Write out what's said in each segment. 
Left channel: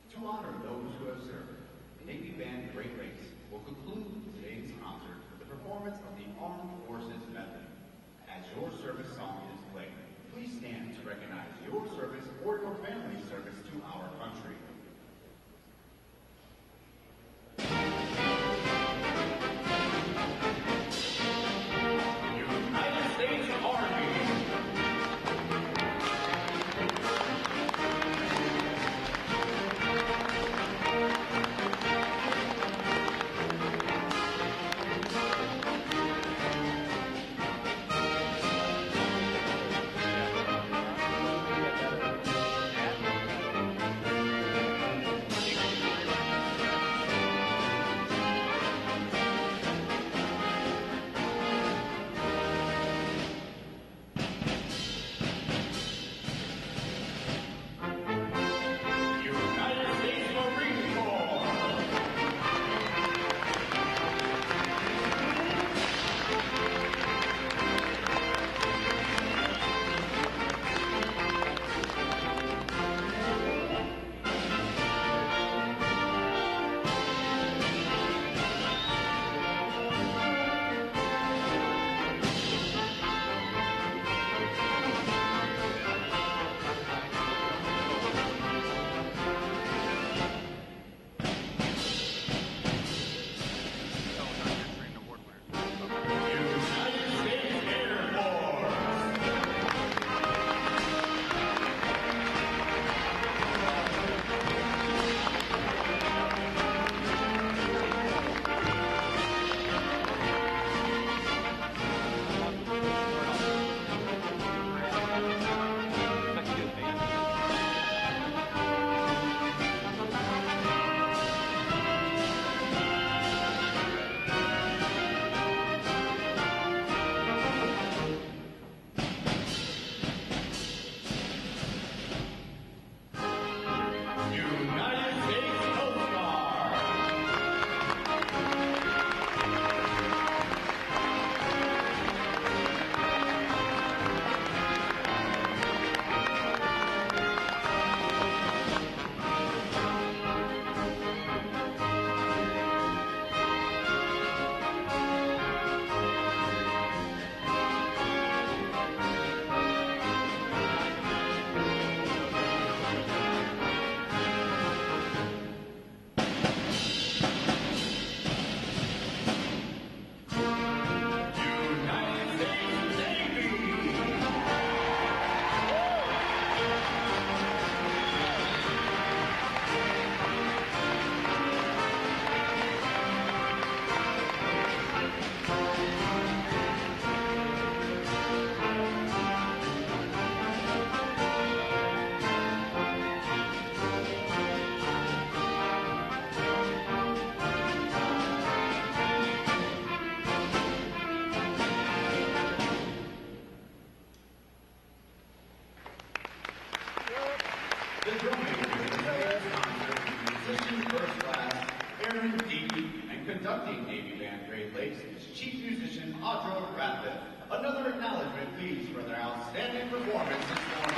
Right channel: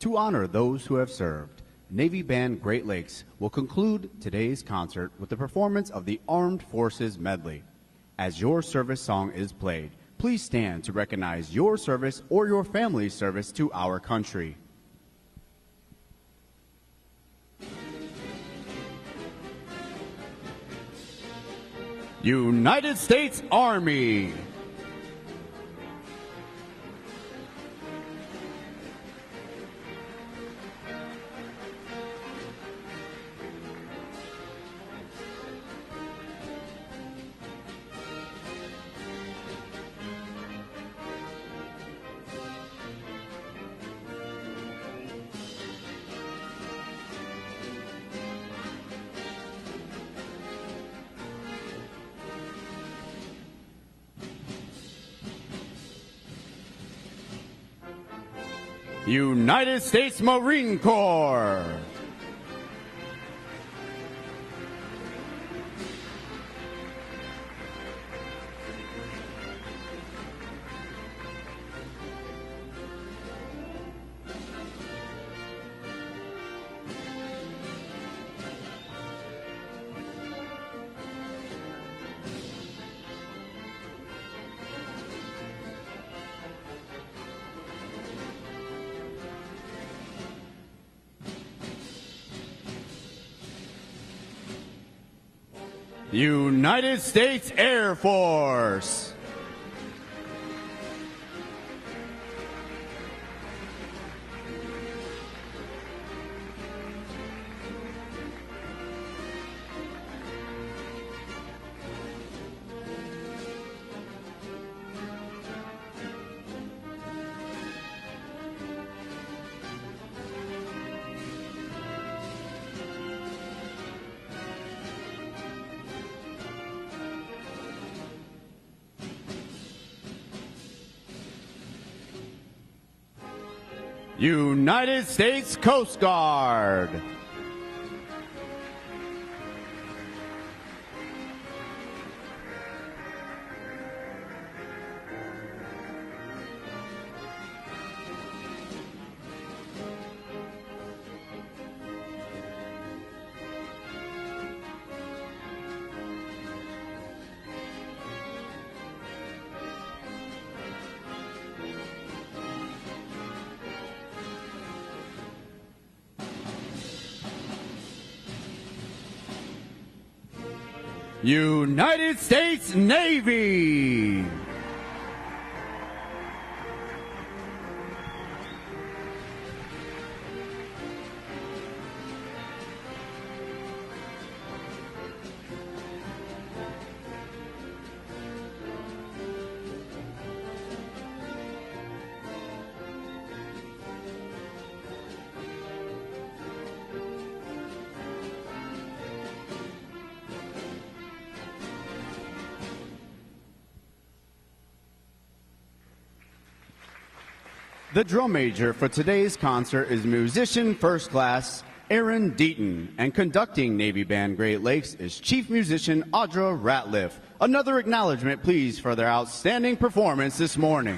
To honor those who have served, Navy Band Great Lakes will conclude today's concert with the performance of the Armed Forces Medley. As your service song is played, please stand to recognize your service or your family's service to our country. United States Army. United States Marine Corps. United States Air Force. United States Coast Guard. United States Navy. The drum major for today's concert is musician first class Aaron Deaton, and conducting Navy Band Great Lakes is Chief Musician Audra Ratliff. Another acknowledgement, please, for their outstanding performance this morning.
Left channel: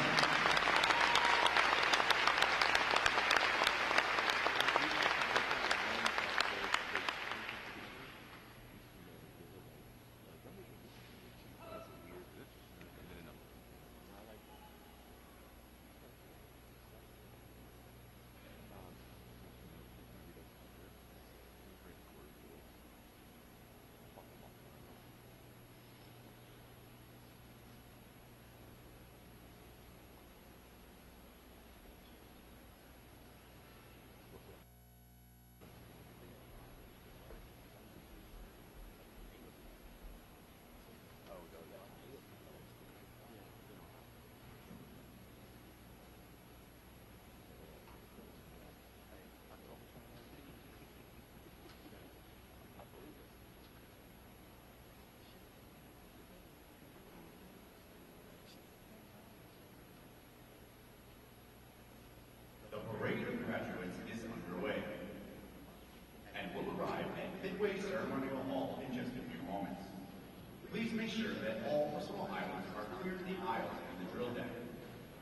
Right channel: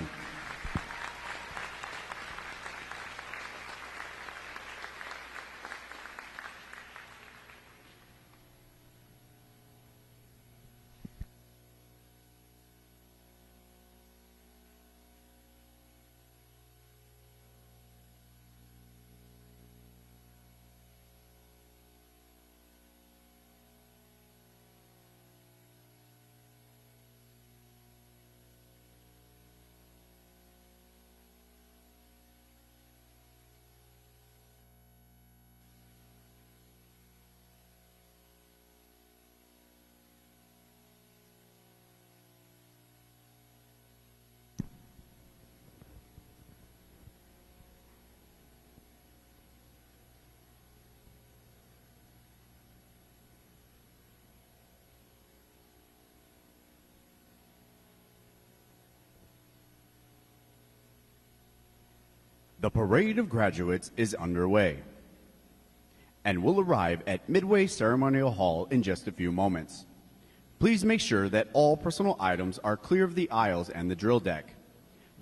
The parade of graduates is underway and will arrive at Midway Ceremonial Hall in just a few moments. Please make sure that all personal items are clear of the aisles and the drill deck.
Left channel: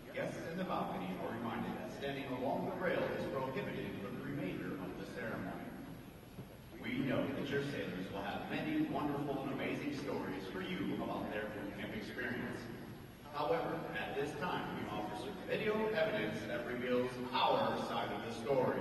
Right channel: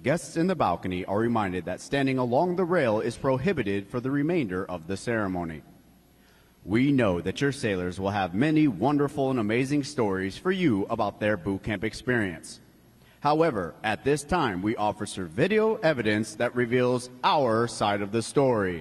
Guests in the balcony are reminded that standing along the rail is prohibited for the remainder of the ceremony. We know that your sailors will have many wonderful and amazing stories for you about their boot camp experience. However, at this time, we offer some video evidence that reveals our side of the story.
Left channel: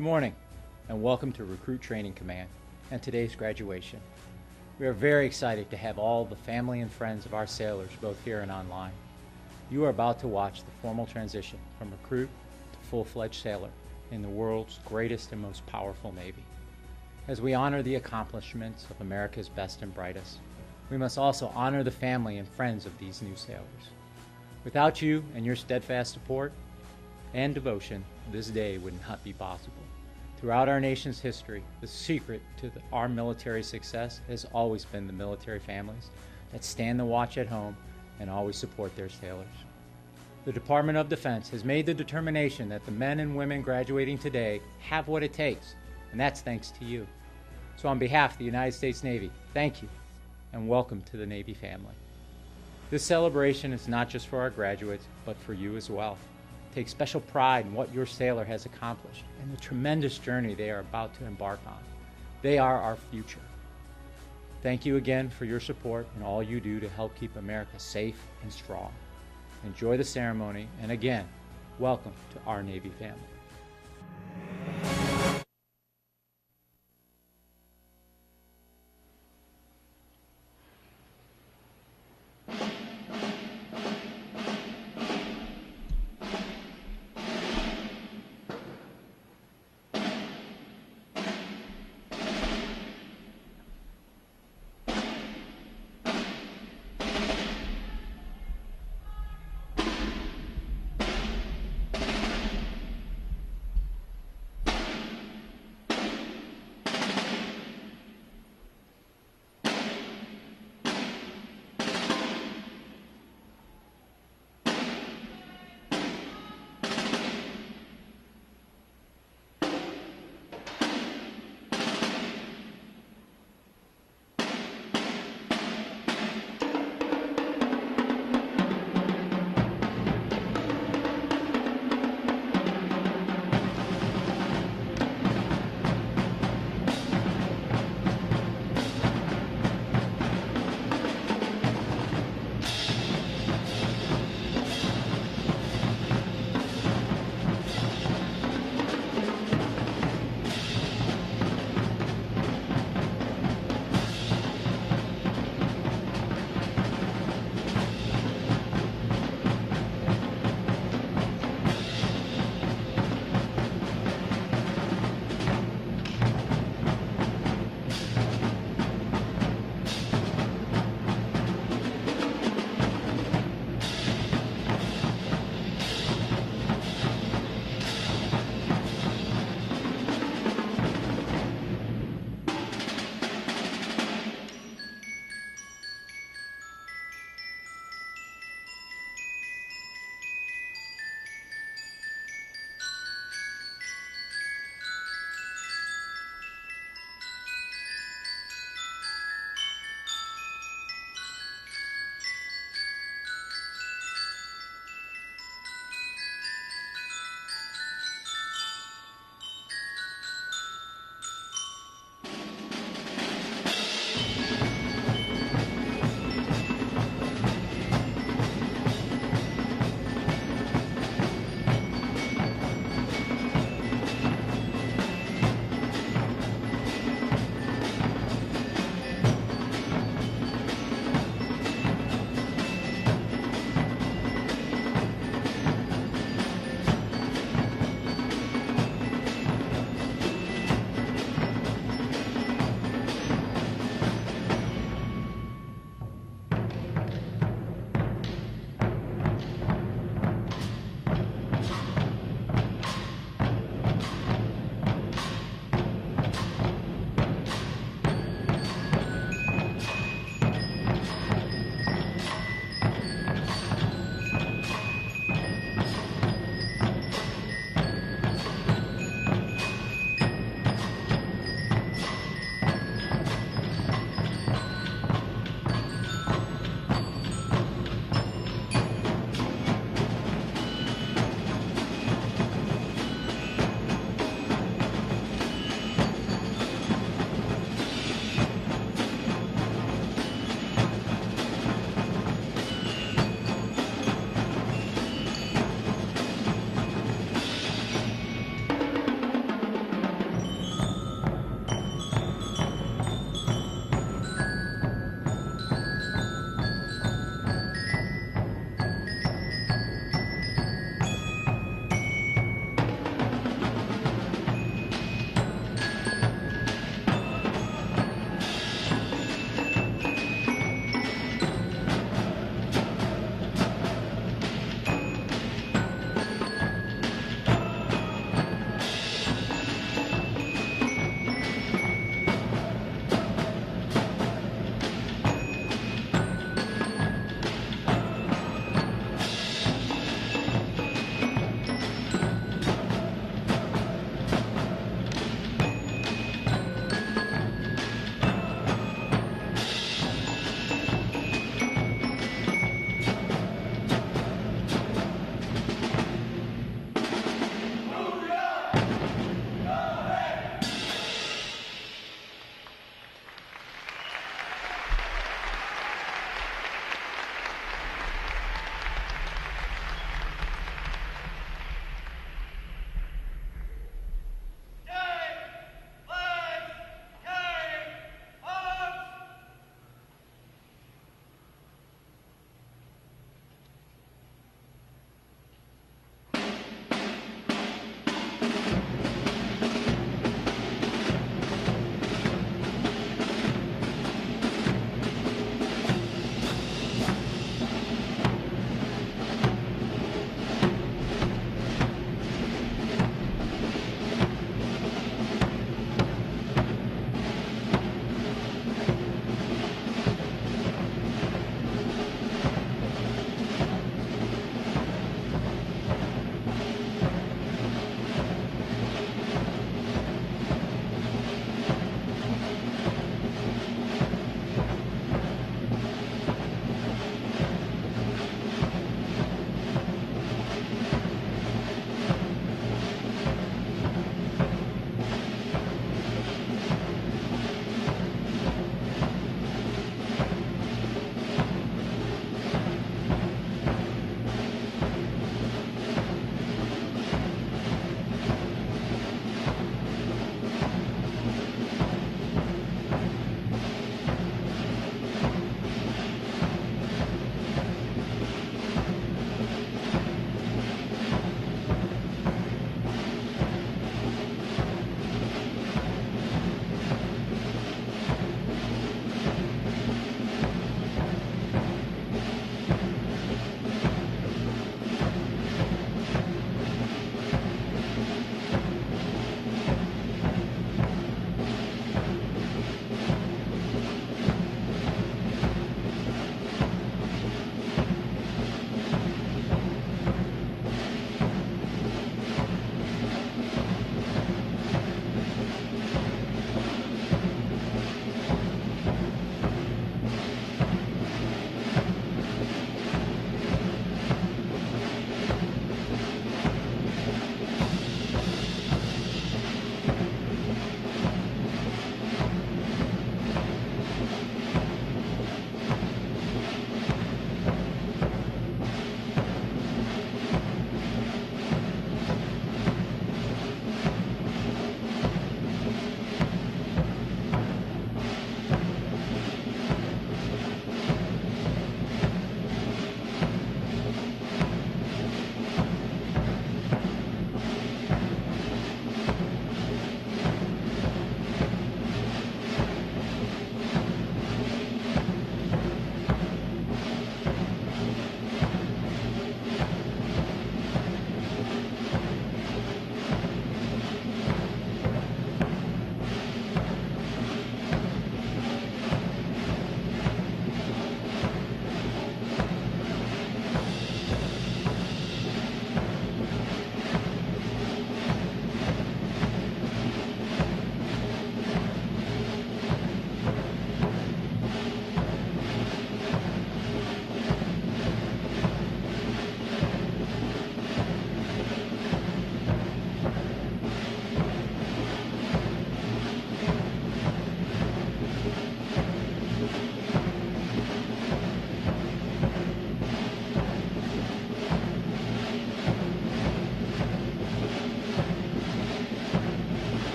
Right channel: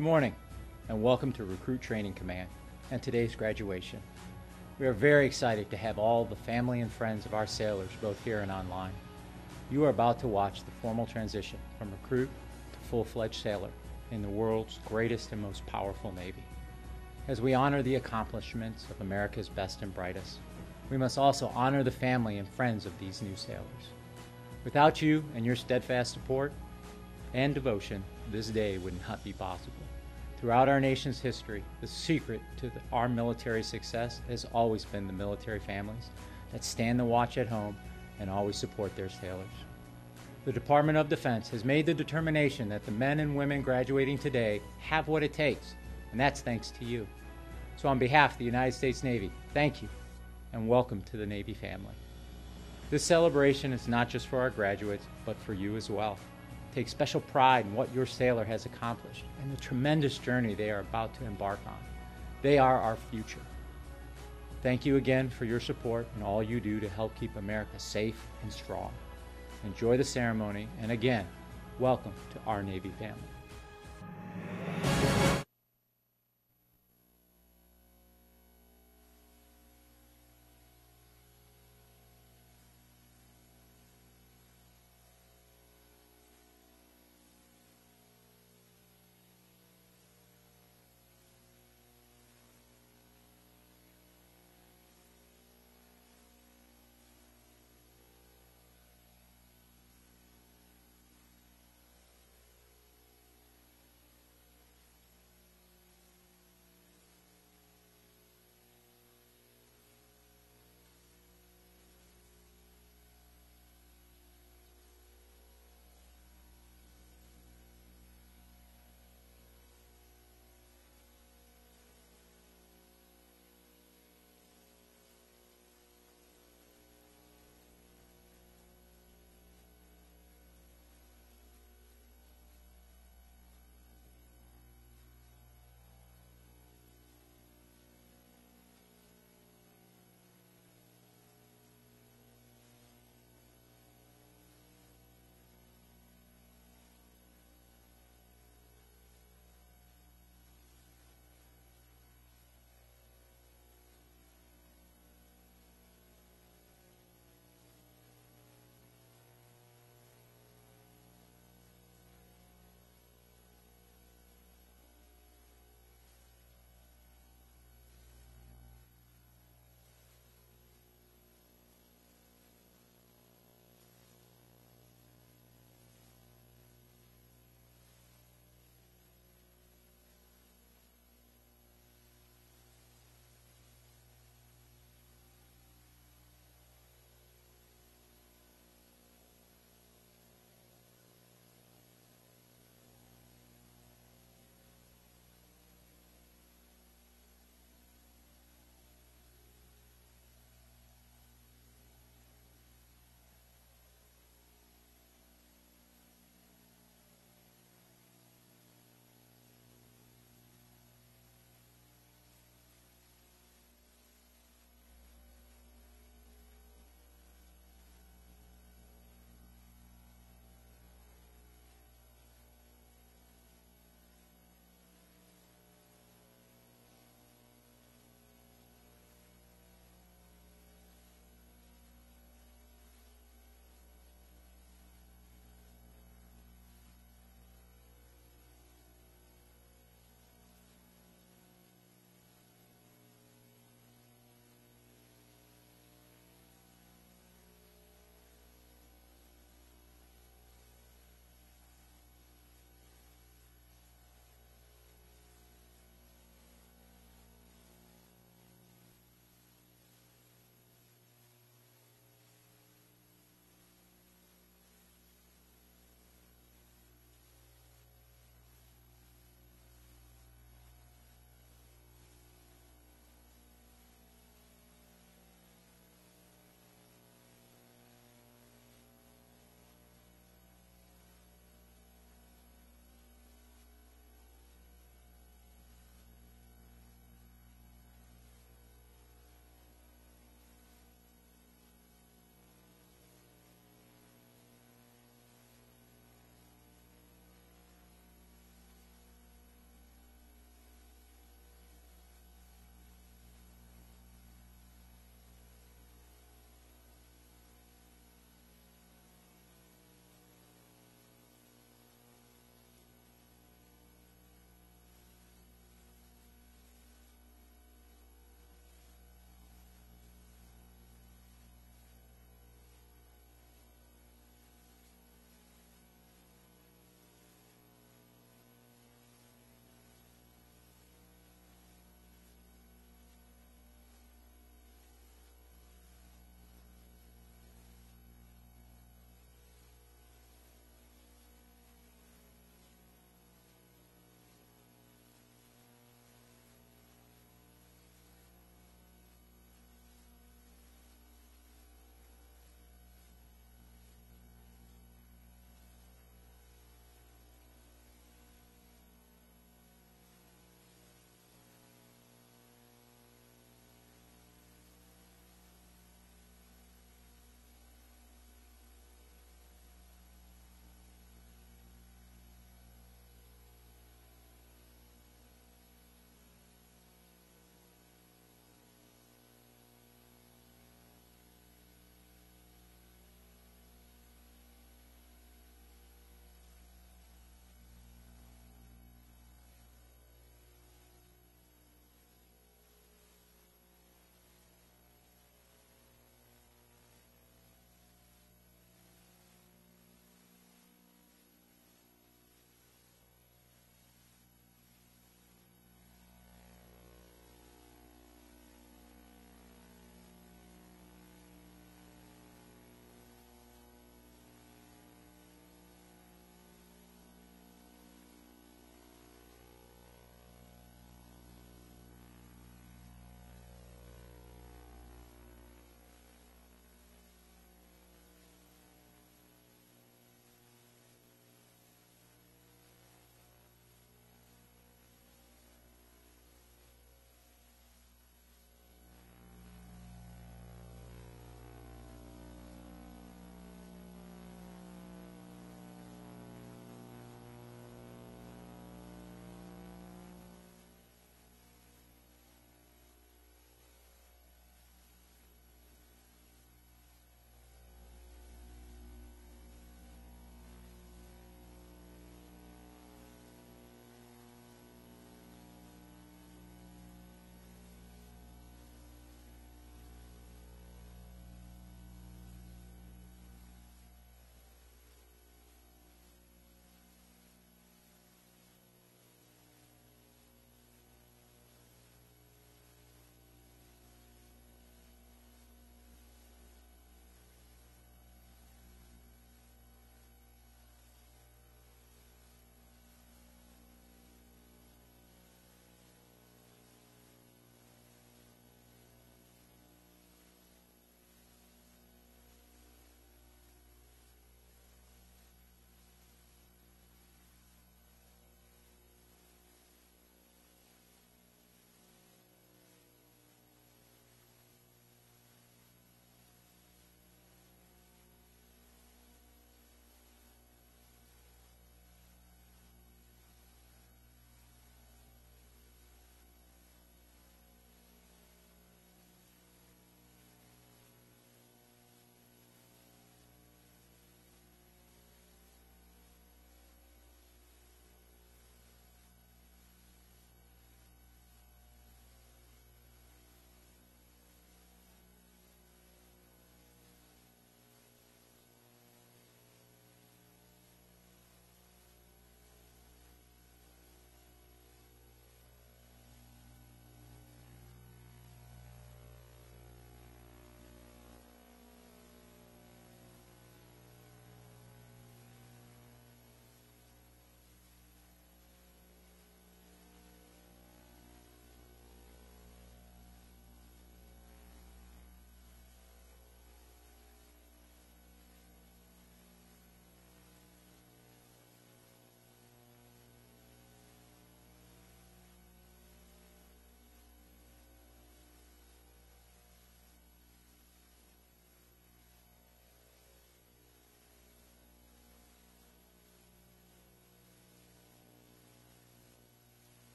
Good morning, and welcome to Recruit Training Command and today's graduation. We are very excited to have all the family and friends of our sailors both here and online. You are about to watch the formal transition from recruit to full-fledged sailor in the world's greatest and most powerful Navy. As we honor the accomplishments of America's best and brightest, we must also honor the family and friends of these new sailors. Without you and your steadfast support and devotion, this day would not be possible. Throughout our nation's history, the secret to our military success has always been the military families that stand the watch at home and always support their sailors. The Department of Defense has made the determination that the men and women graduating today have what it takes, and that's thanks to you. So on behalf of the United States Navy, thank you, and welcome to the Navy family. This celebration is not just for our graduates, but for you as well. Take special pride in what your sailor has accomplished and the tremendous journey they are about to embark on. They are our future. Thank you again for your support and all you do to help keep America safe and strong. Enjoy the ceremony, and again, welcome to our Navy family.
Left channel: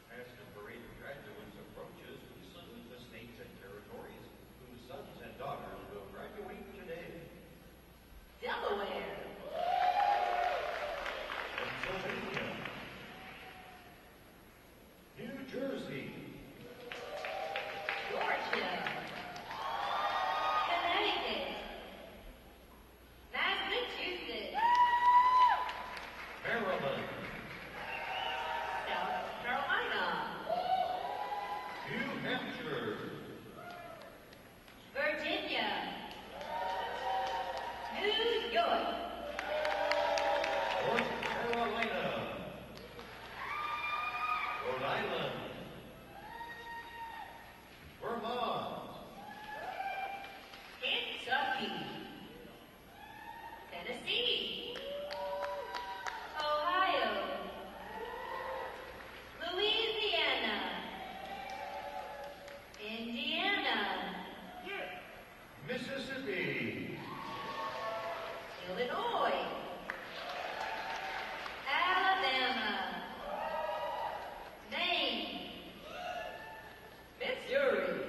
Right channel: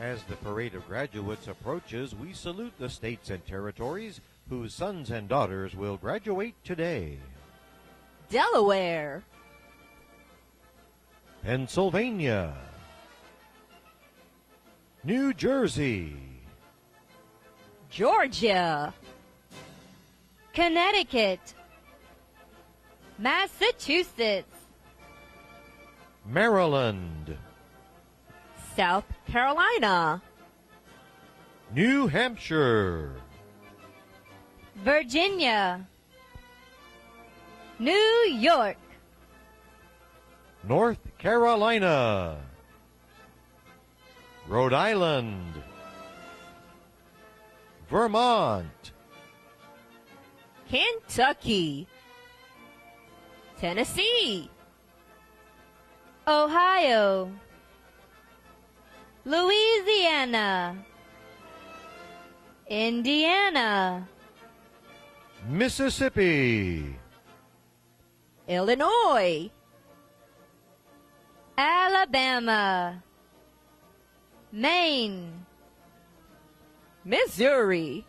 As the parade of graduates approaches, we salute the states and territories whose sons and daughters will graduate today. Delaware, Pennsylvania, New Jersey, Georgia, Connecticut, Massachusetts, Maryland, South Carolina, New Hampshire, Virginia, New York, North Carolina, Rhode Island, Vermont, Kentucky, Tennessee, Ohio, Louisiana, Indiana, Mississippi, Illinois, Alabama, Maine, Missouri,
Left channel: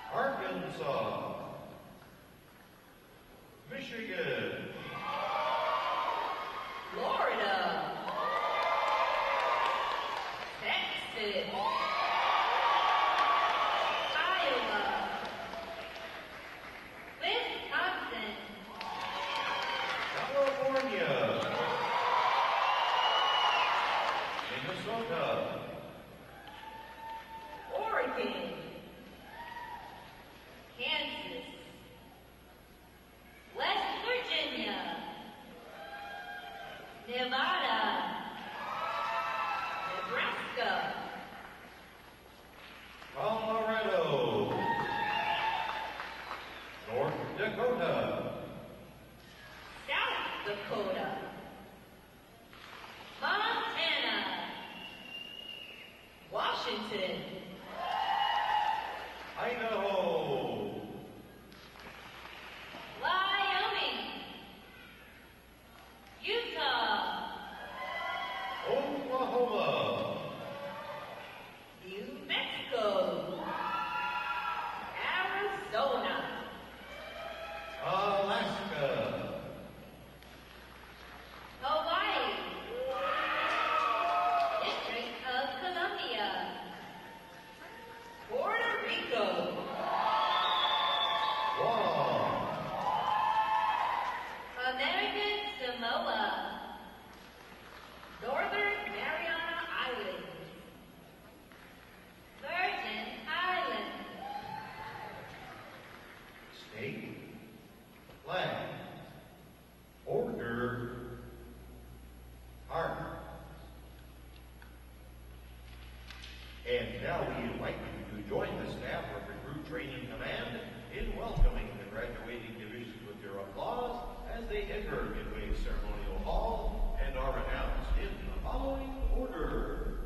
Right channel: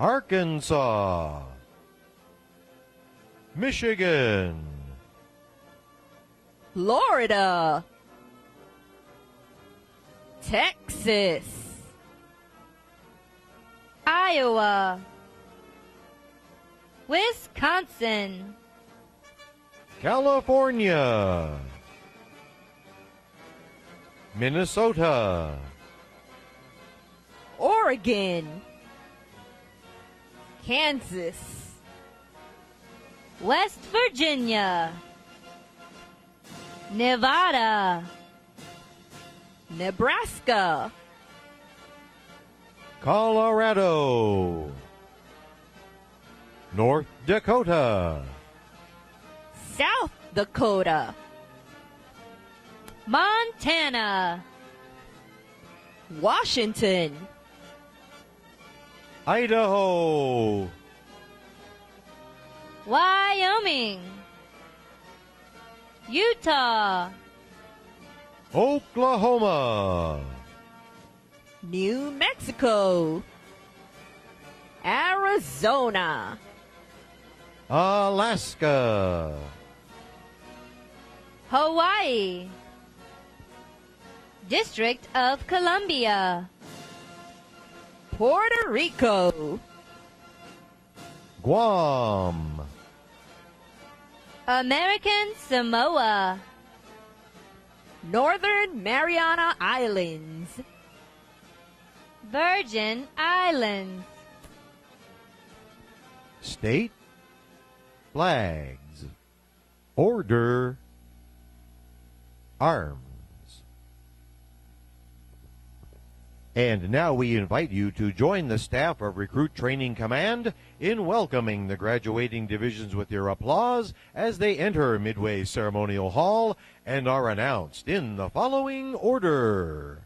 Arkansas, Michigan, Florida, Texas, Iowa, Wisconsin, California, Minnesota, Oregon, Kansas, West Virginia, Nevada, Nebraska, Colorado, North Dakota, South Dakota, Montana, Washington, Idaho, Wyoming, Utah, Oklahoma, New Mexico, Arizona, Alaska, Hawaii, District of Columbia, Puerto Rico, Guam, American Samoa, Northern Mariana Islands, Virgin Islands, state flags, order, arms. And now we invite you to join the staff of Recruit Training Command in welcoming the graduating divisions with your applause as they enter Midway Ceremonial Hall and are announced in the following order.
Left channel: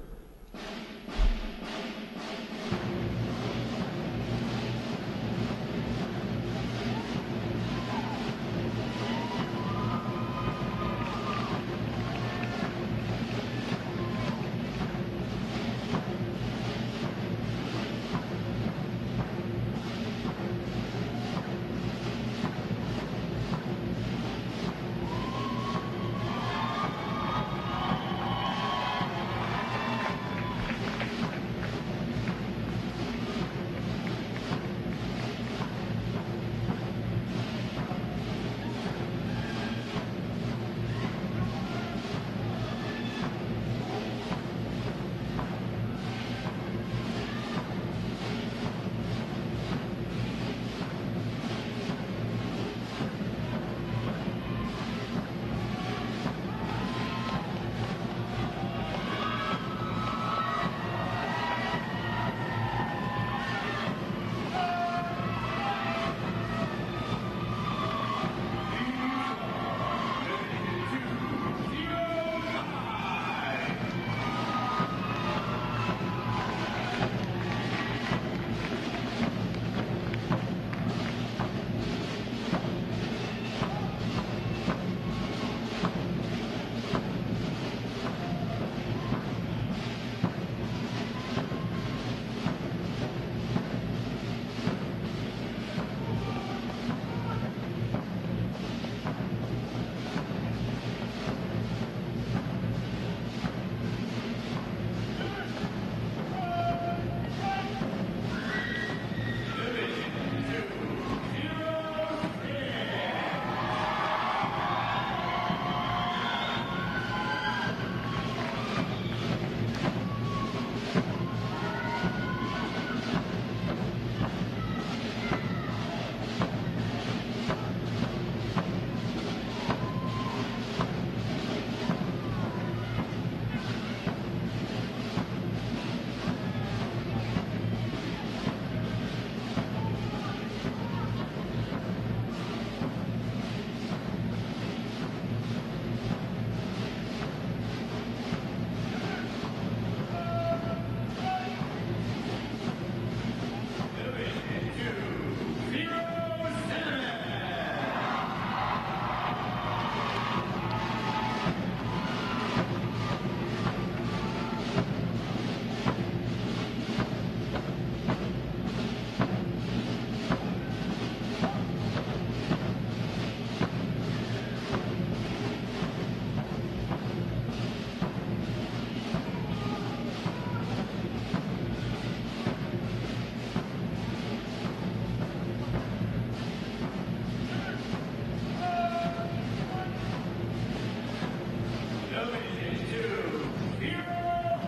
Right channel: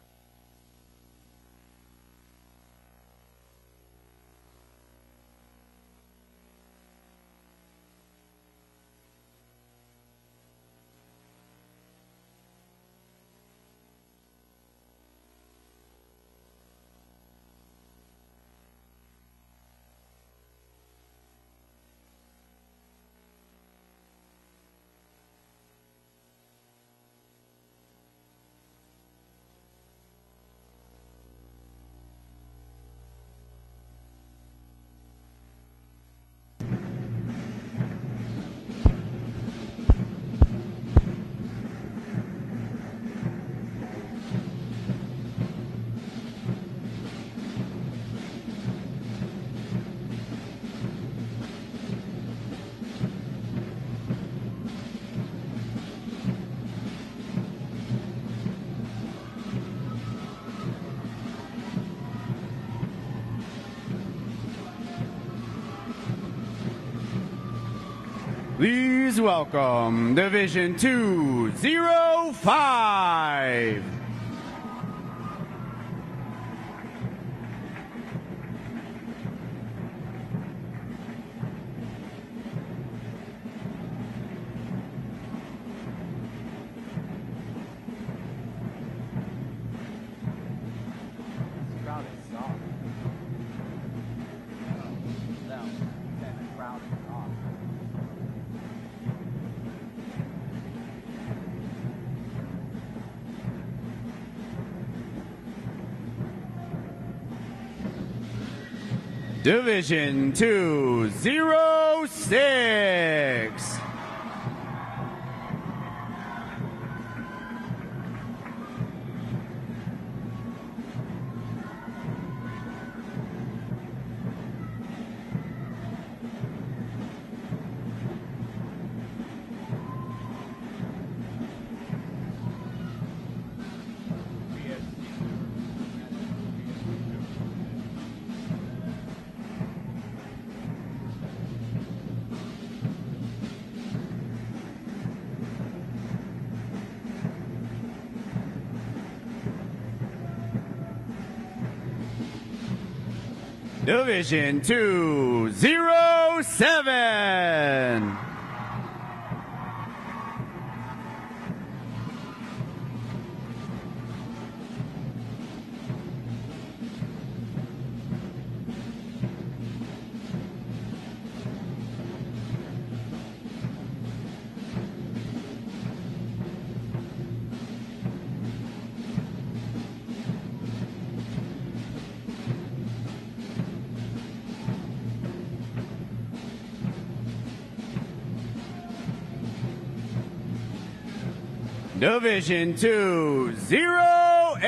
Please welcome Division 205. Division 206. Division 207. Division 208.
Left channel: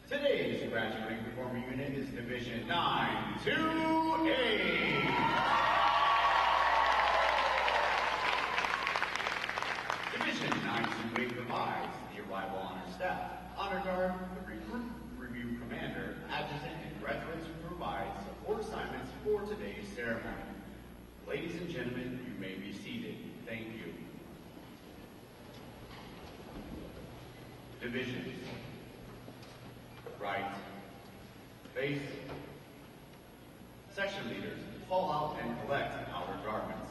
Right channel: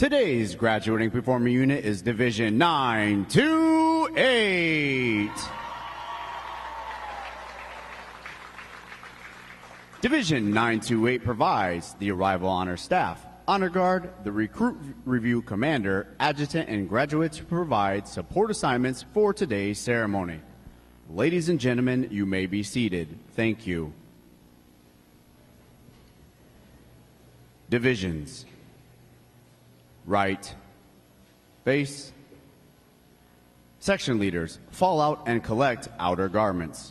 Today's graduating performing unit is Division 928. Division 928 provides the Arrival Honor Staff, Honor Guard, the Recruit Review Commander, Adjutant, and graduates who provide support assignments for today's ceremony. Ladies and gentlemen, you may be seated. Thank you. Divisions. Right, face. Section leaders, fall out and collect outer garments.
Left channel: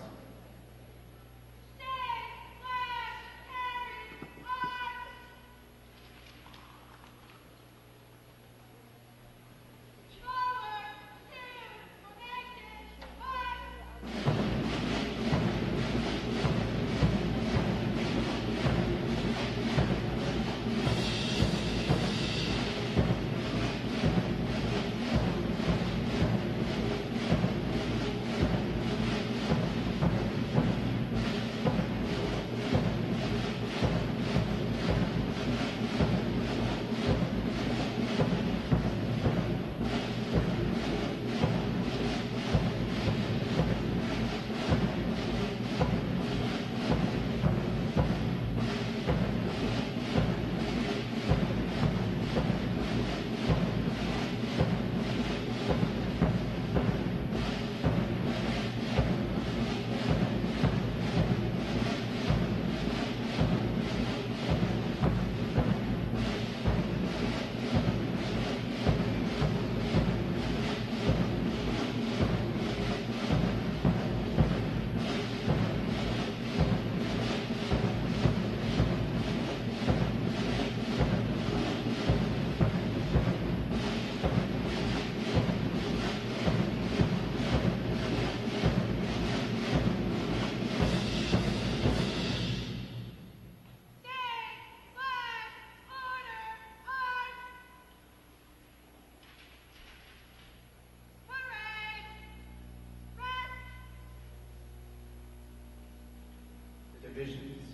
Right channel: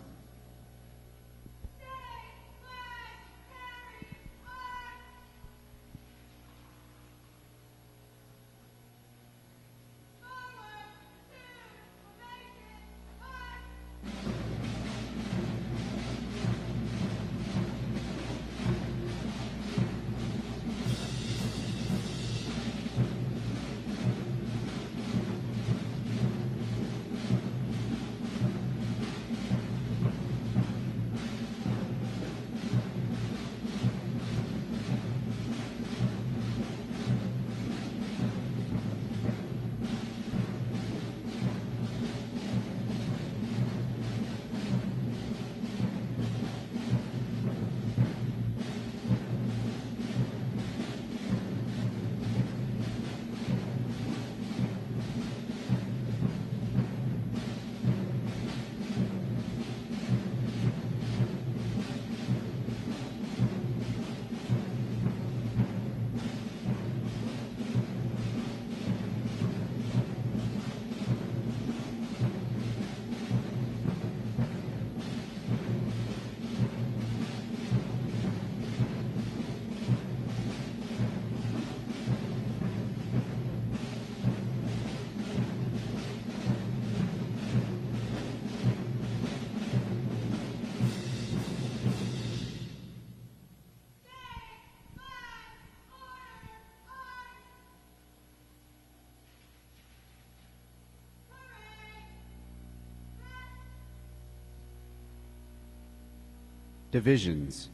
Divisions.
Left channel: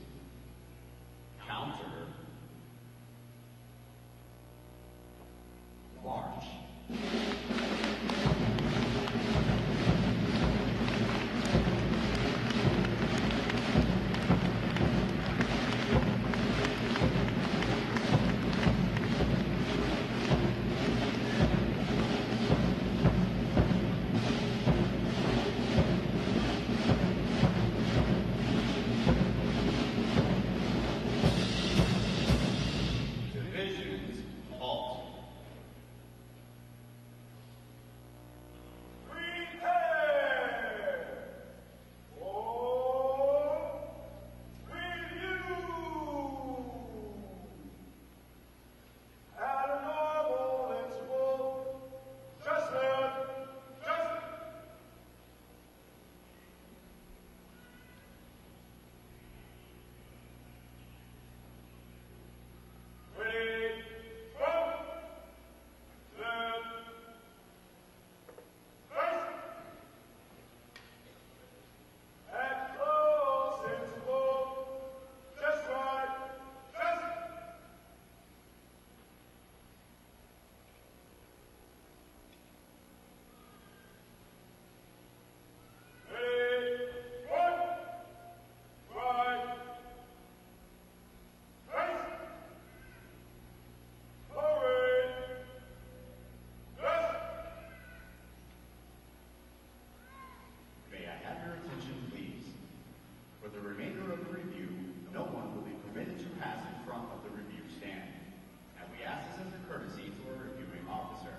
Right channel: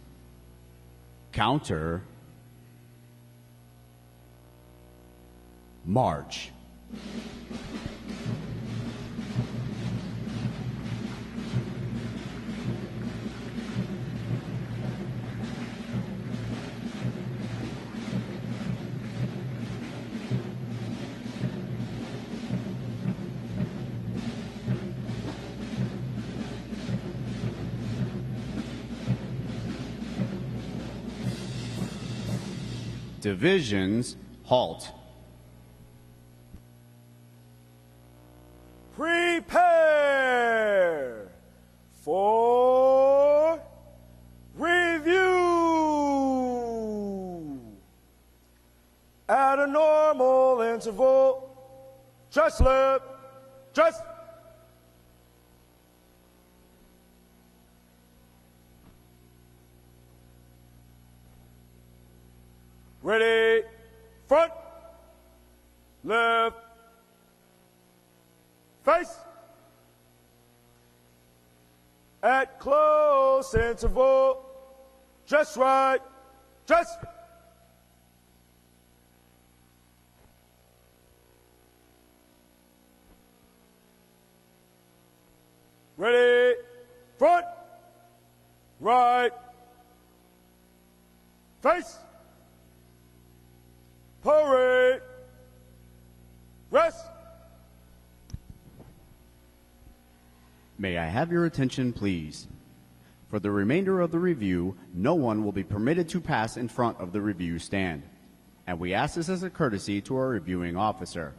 Counter. March. Divisions, halt. Prepare for review. At a normal interval, just left, just. Ready, front, left, face. At close interval, just right, just. Ready, front, right, face. Parade, rest. May I have your attention, please? For the remainder of the review, no one will be permitted to pass in front of the review stand, and we ask this as a courtesy to our reviewing officer.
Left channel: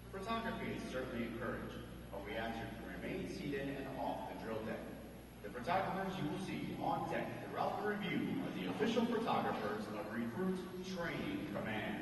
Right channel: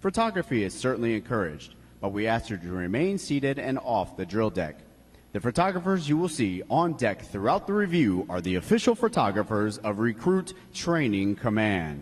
Photography is certainly encouraged, but we ask you to remain seated and off the drill deck. The photographers you will see on deck throughout the review are the official photographers of Recruit Training Command.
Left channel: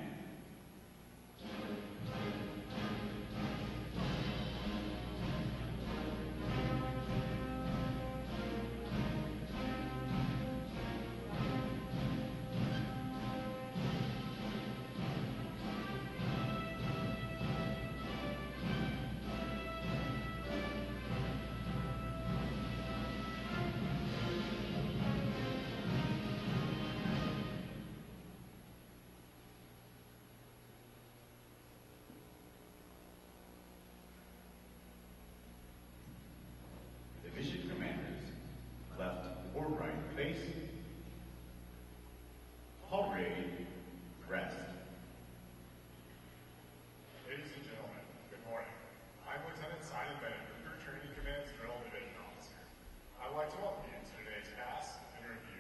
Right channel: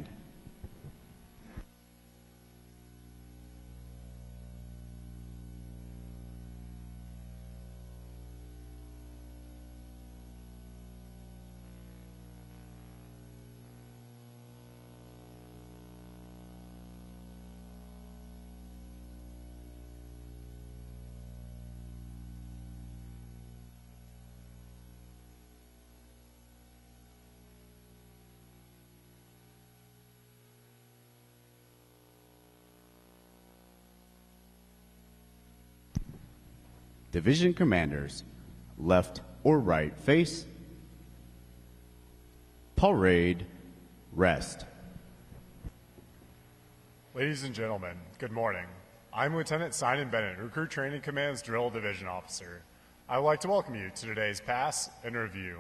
Division commanders, left or right face. Parade, rest. Ladies and gentlemen, good morning. I'm Lieutenant Simon Bennett, Recruit Training Command's Drill Division Officer. I would like to welcome you to today's Pass and Review.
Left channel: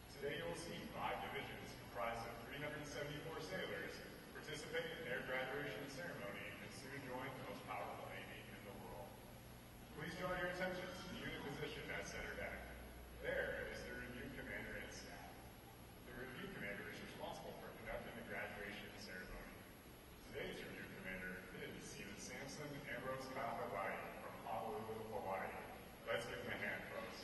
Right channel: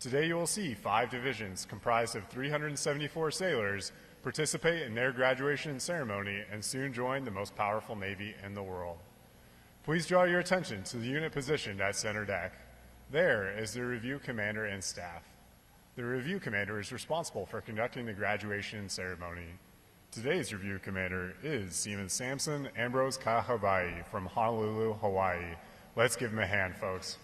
Today you will see 5 divisions comprised of 374 sailors participate in their graduation ceremony and soon join the most powerful Navy in the world. Please draw your attention to the unit positioned at center deck. There is the review commander and staff. The review commander is responsible for conducting the graduation ceremony. Today's review commander is Seaman Samson Ambrose Kahabai from Honolulu, Hawaii. Let's give him a hand, folks.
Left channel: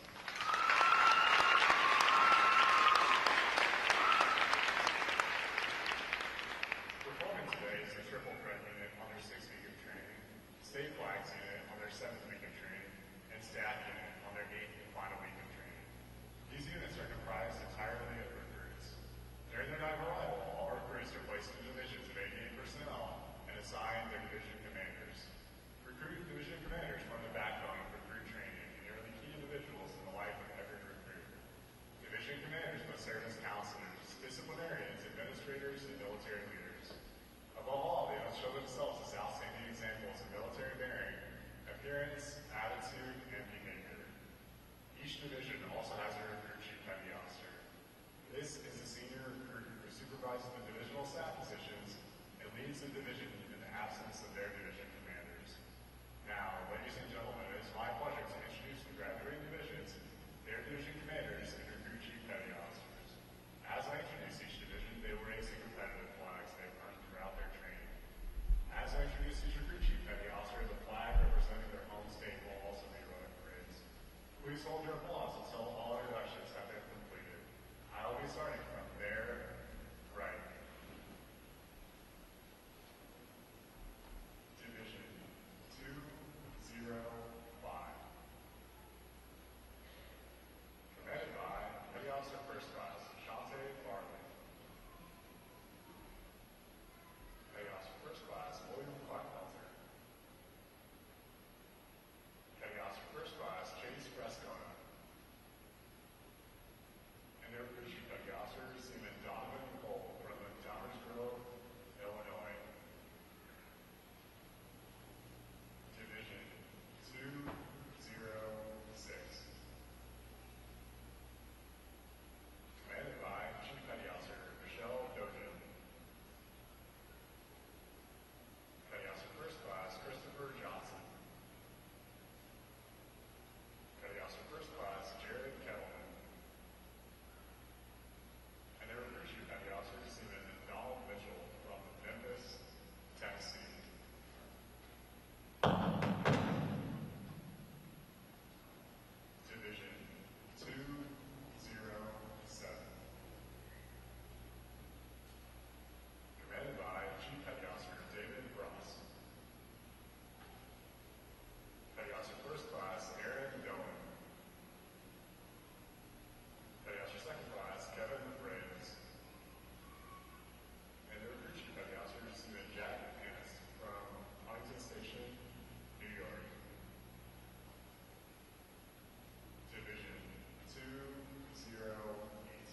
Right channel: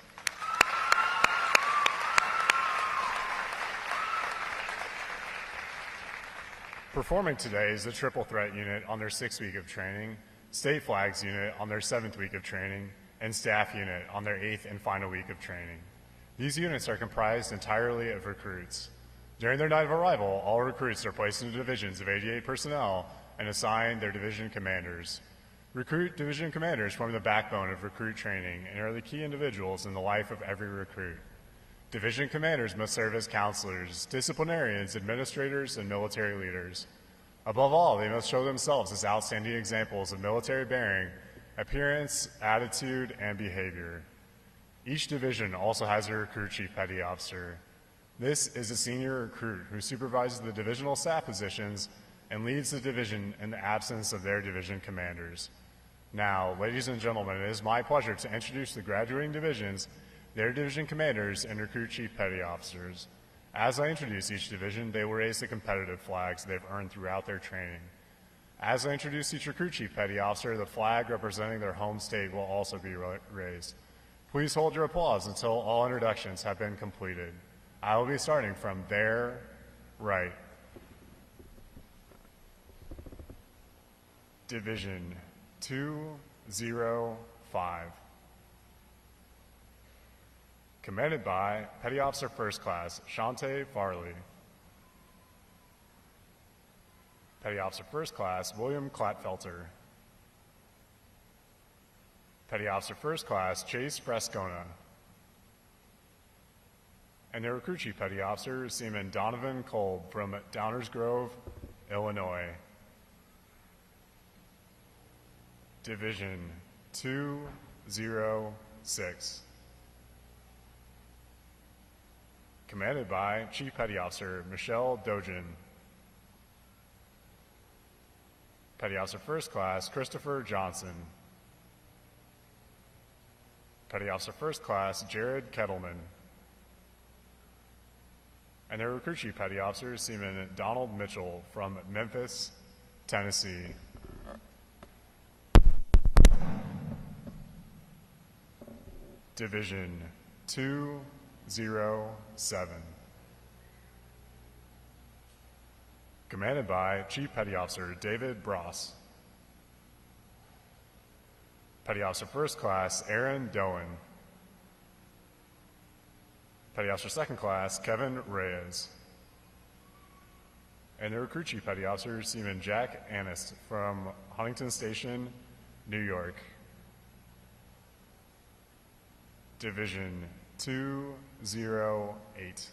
Performing today is the Triple Threat Unit on their 6th week of training, State Flags Unit on their 7th week of training, and Staff Unit on their 8th and final week of training. These units are comprised entirely of recruits. During their night of arrival, all recruits are placed into divisions of 88 personnel and assigned their division commanders. Recruit division commanders form the backbone of recruit training and are the key individuals in the life of every recruit. Division commanders must serve as counselors, disciplinarians, administrators, and military leaders. Above all, they must show themselves as outstanding examples of military bearing, appearance, attitude, and behavior. Each division also has a recruit chief petty officer. This is a senior recruit who supervises the divisional staff positions and leads the division in the absence of their division commanders. Now, ladies and gentlemen, it is my pleasure to introduce the graduating divisions, their division commanders, and recruit chief petty officers. As I introduce each division, they will raise the competitive flags they've earned throughout their training. As I introduce each recruit chief petty officer, the flag representing their home state will also be raised. Please hold your applause until all introductions have been completed. I will be starting from their right. Division 205. Commanded by Petty Officer First Class Shante Farley. Petty Officer First Class William Klatfelter. Petty Officer First Class Chase Frescona. And their recruit chief petty officer, Seaman Donovan Kolb from Downers Grove, Illinois. Division 206. Commanded by Chief Petty Officer Michelle Dojin. Petty Officer First Class Christopher Johnson. Petty Officer First Class Jared Kettleman. And their recruit chief petty officer, Seaman Donald Mitchell from Memphis, Tennessee. Division 207. Commanded by Chief Petty Officer David Bross. Petty Officer First Class Aaron Doan. Petty Officer Second Class Kevin Reyes. And the recruit chief petty officer, Seaman Jack Anist from Huntington Station, New York. Division 208.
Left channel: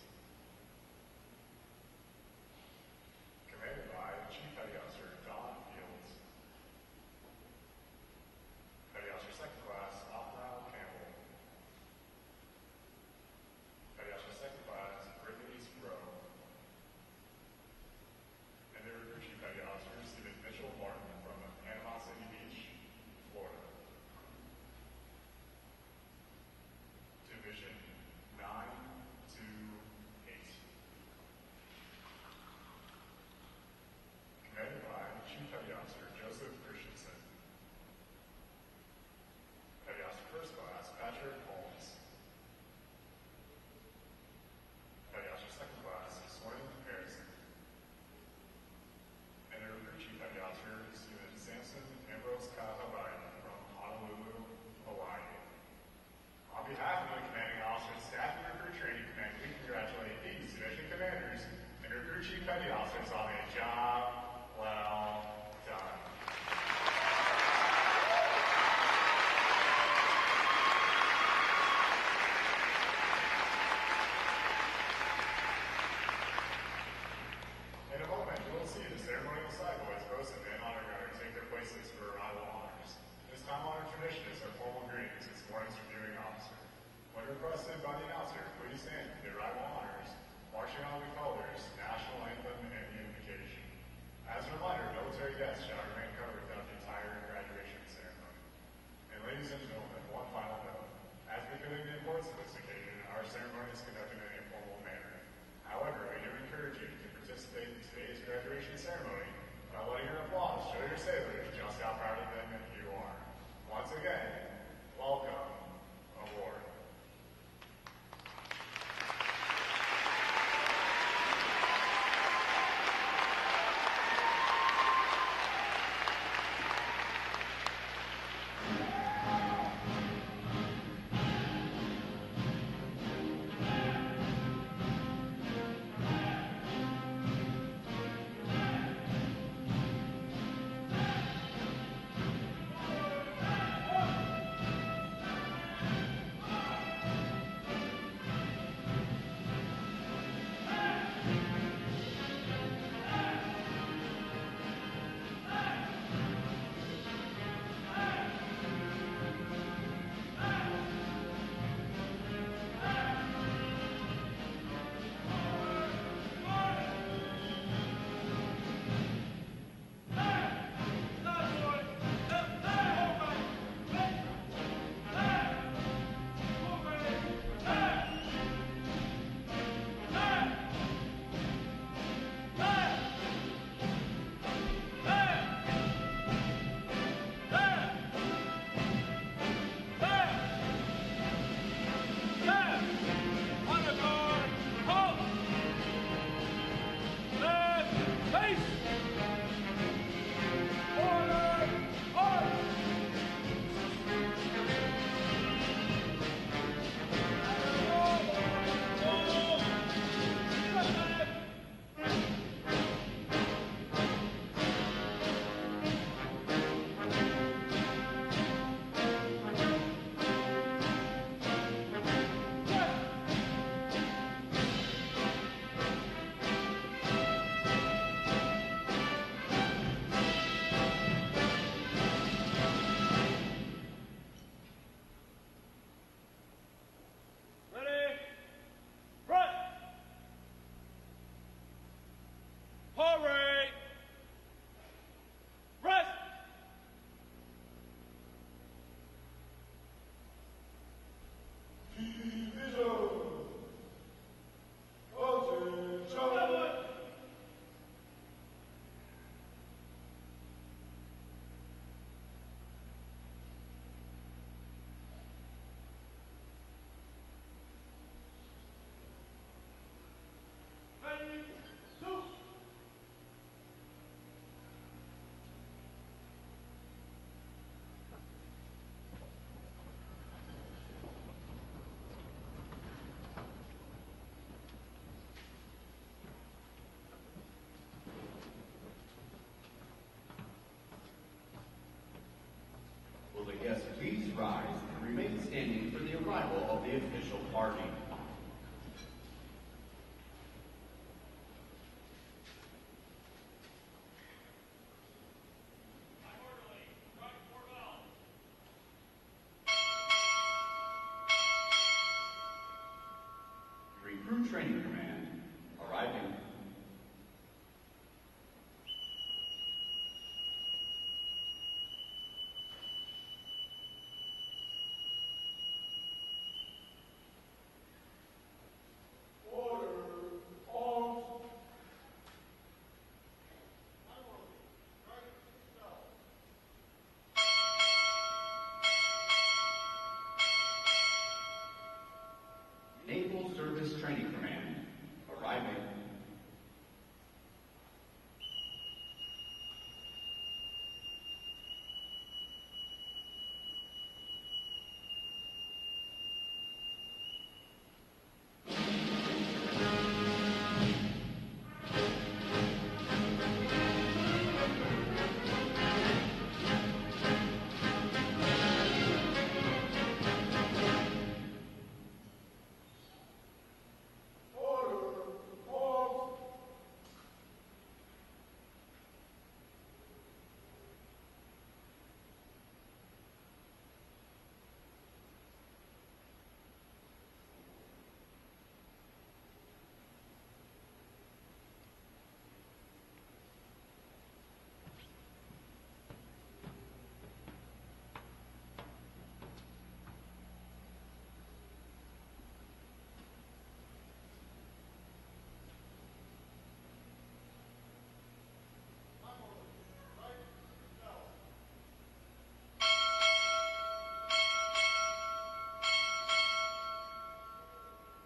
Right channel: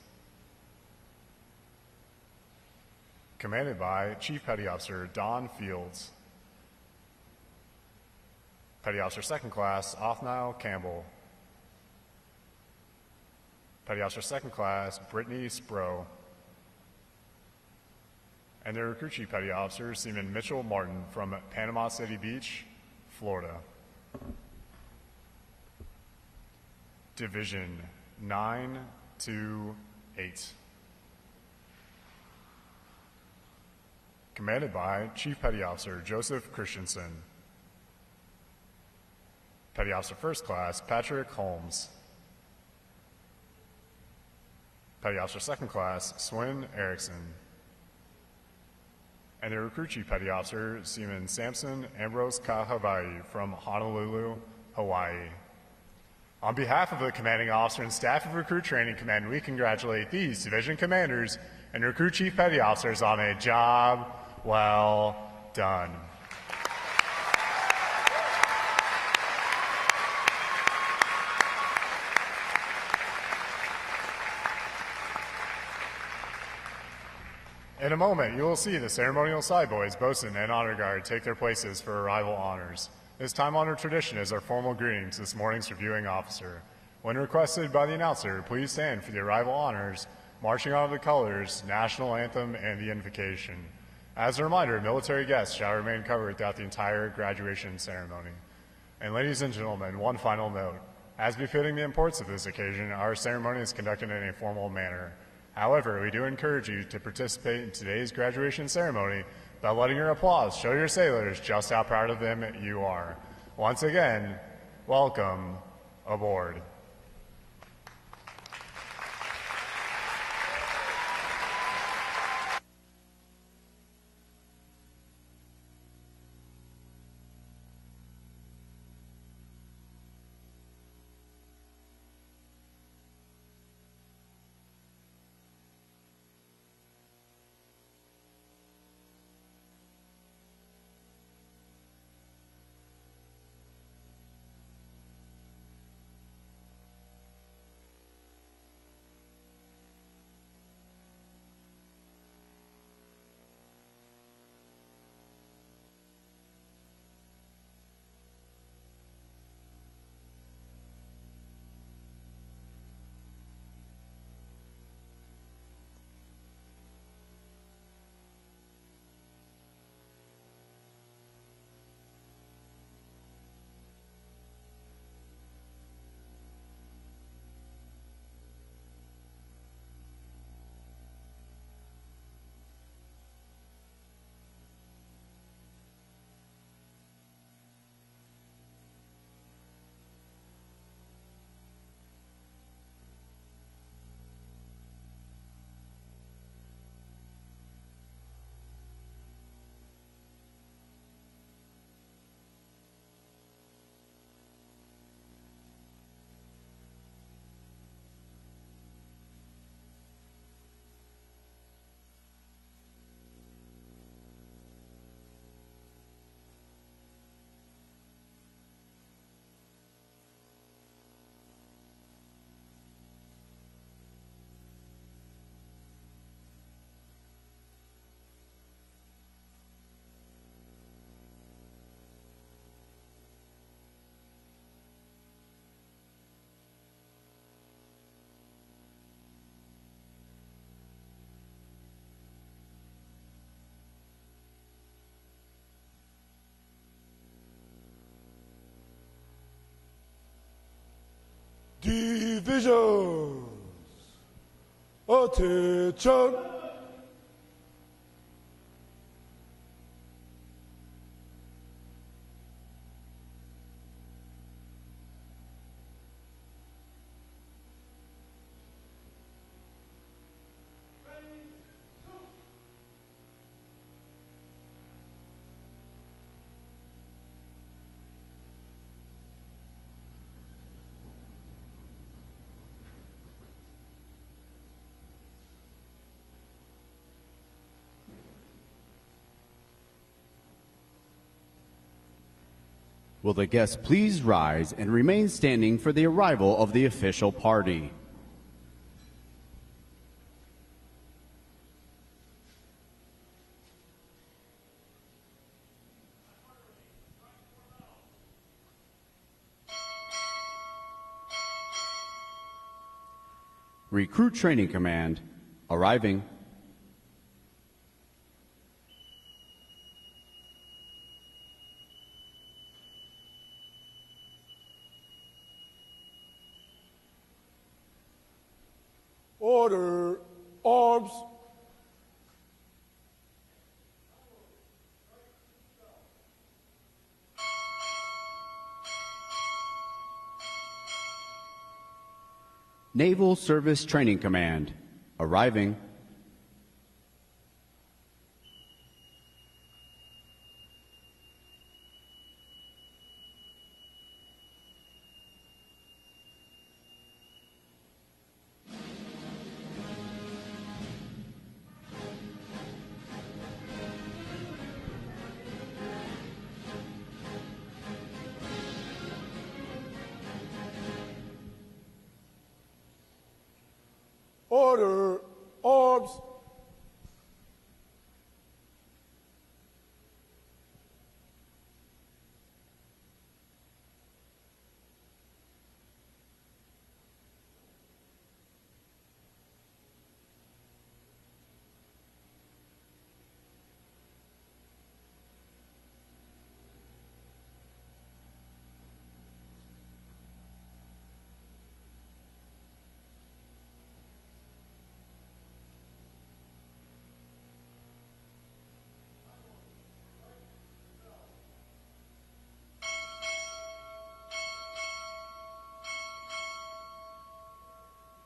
Commanded by Chief Petty Officer Don Fields. Petty Officer Second Class Othniel Campbell. Petty Officer Second Class Brittany Spro. And their recruit chief petty officer, Seaman Mitchell Martin from Panama City Beach, Florida. Division 928. Commanded by Chief Petty Officer Joseph Christensen. Petty Officer First Class Patrick Holmes. Petty Officer Second Class Swin Erickson. And their recruit chief petty officer, Seaman Samson Ambrose Kahabai from Honolulu, Hawaii. On behalf of the commanding officer and staff of Recruit Training Command, we congratulate these division commanders and recruit chief petty officers on a job well done. In a moment, you will see the ceremonial side boys, bosun, and honor guard take their places for arrival honors. This time-honored tradition is our formal greeting to this morning's reviewing officer. When requested by the announcer, please stand for the arrival honors, marching out of the colors, national anthem, and the invocation. As a reminder, military guests shall remain covered throughout the entire graduation ceremony. And ladies and gentlemen, one final note. As befitting the importance of this occasion, our ceremony is conducted in a formal manner. However, we do encourage you to participate in today's graduation ceremony by letting your applause show your sailors just how proud of them you are. Once again, welcome aboard. Divisions. Attention. Will the guests please rise and remain standing for the arrival of the official party? Recruit Training Command arriving. Order. Arms. Naval Service Training Command arriving. Order. Arms.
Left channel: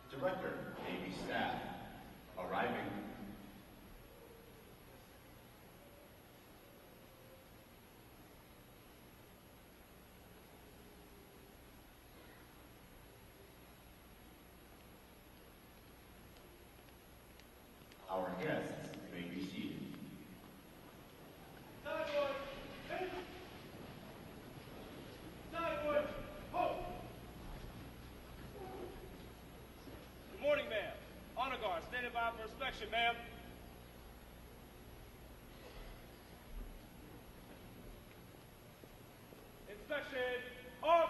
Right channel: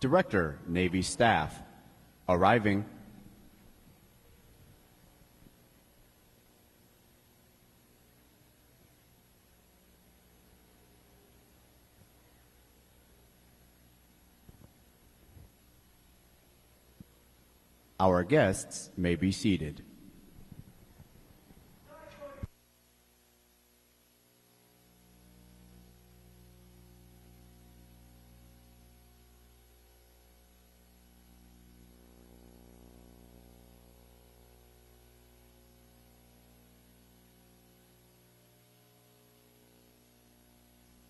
Director, Navy Staff arriving. Our guests may be seated. Good morning, ma'am. Honor guard, standing by for inspection, ma'am. Inspection, off.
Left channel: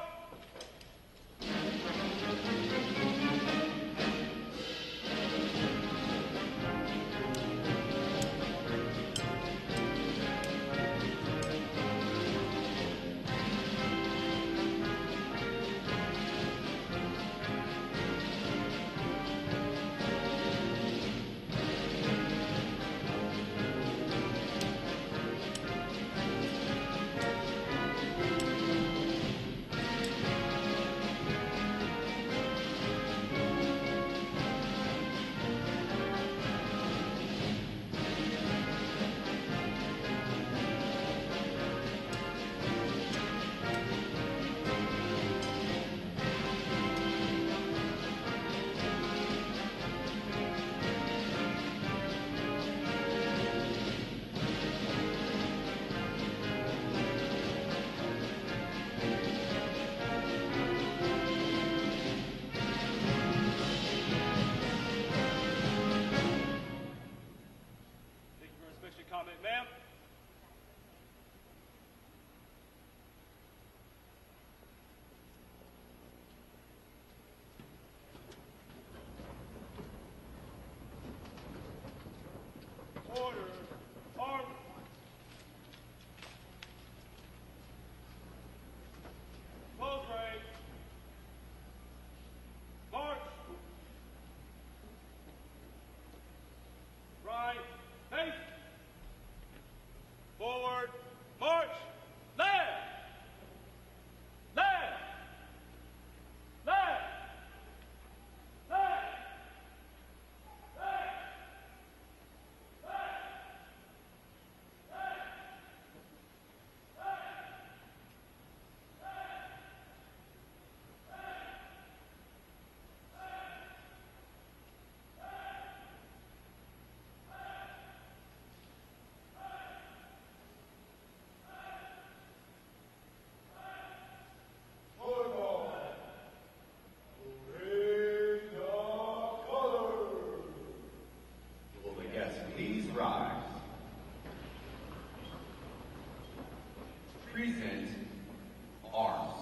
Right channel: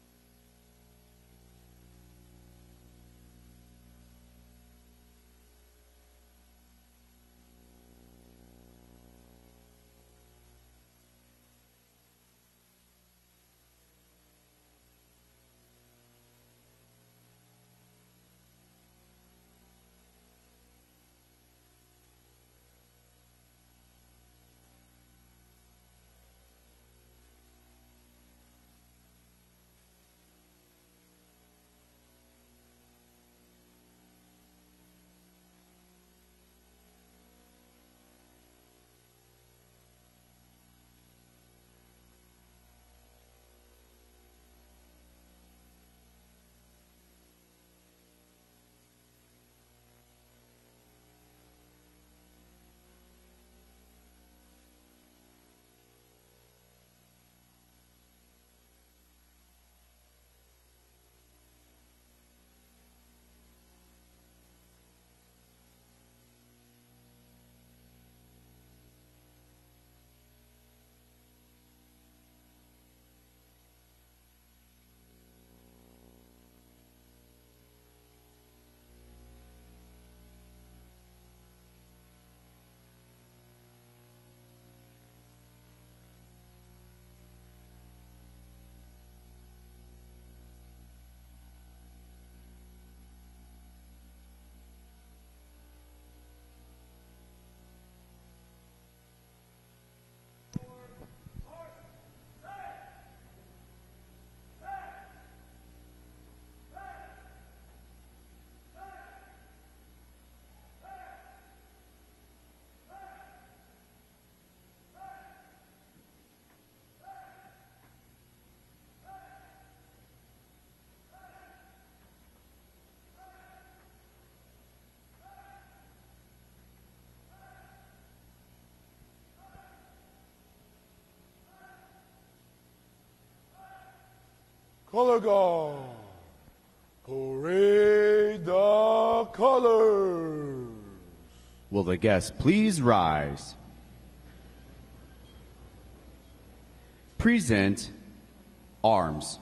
Color guard, parade the colors. Will the guests please rise? Present arms.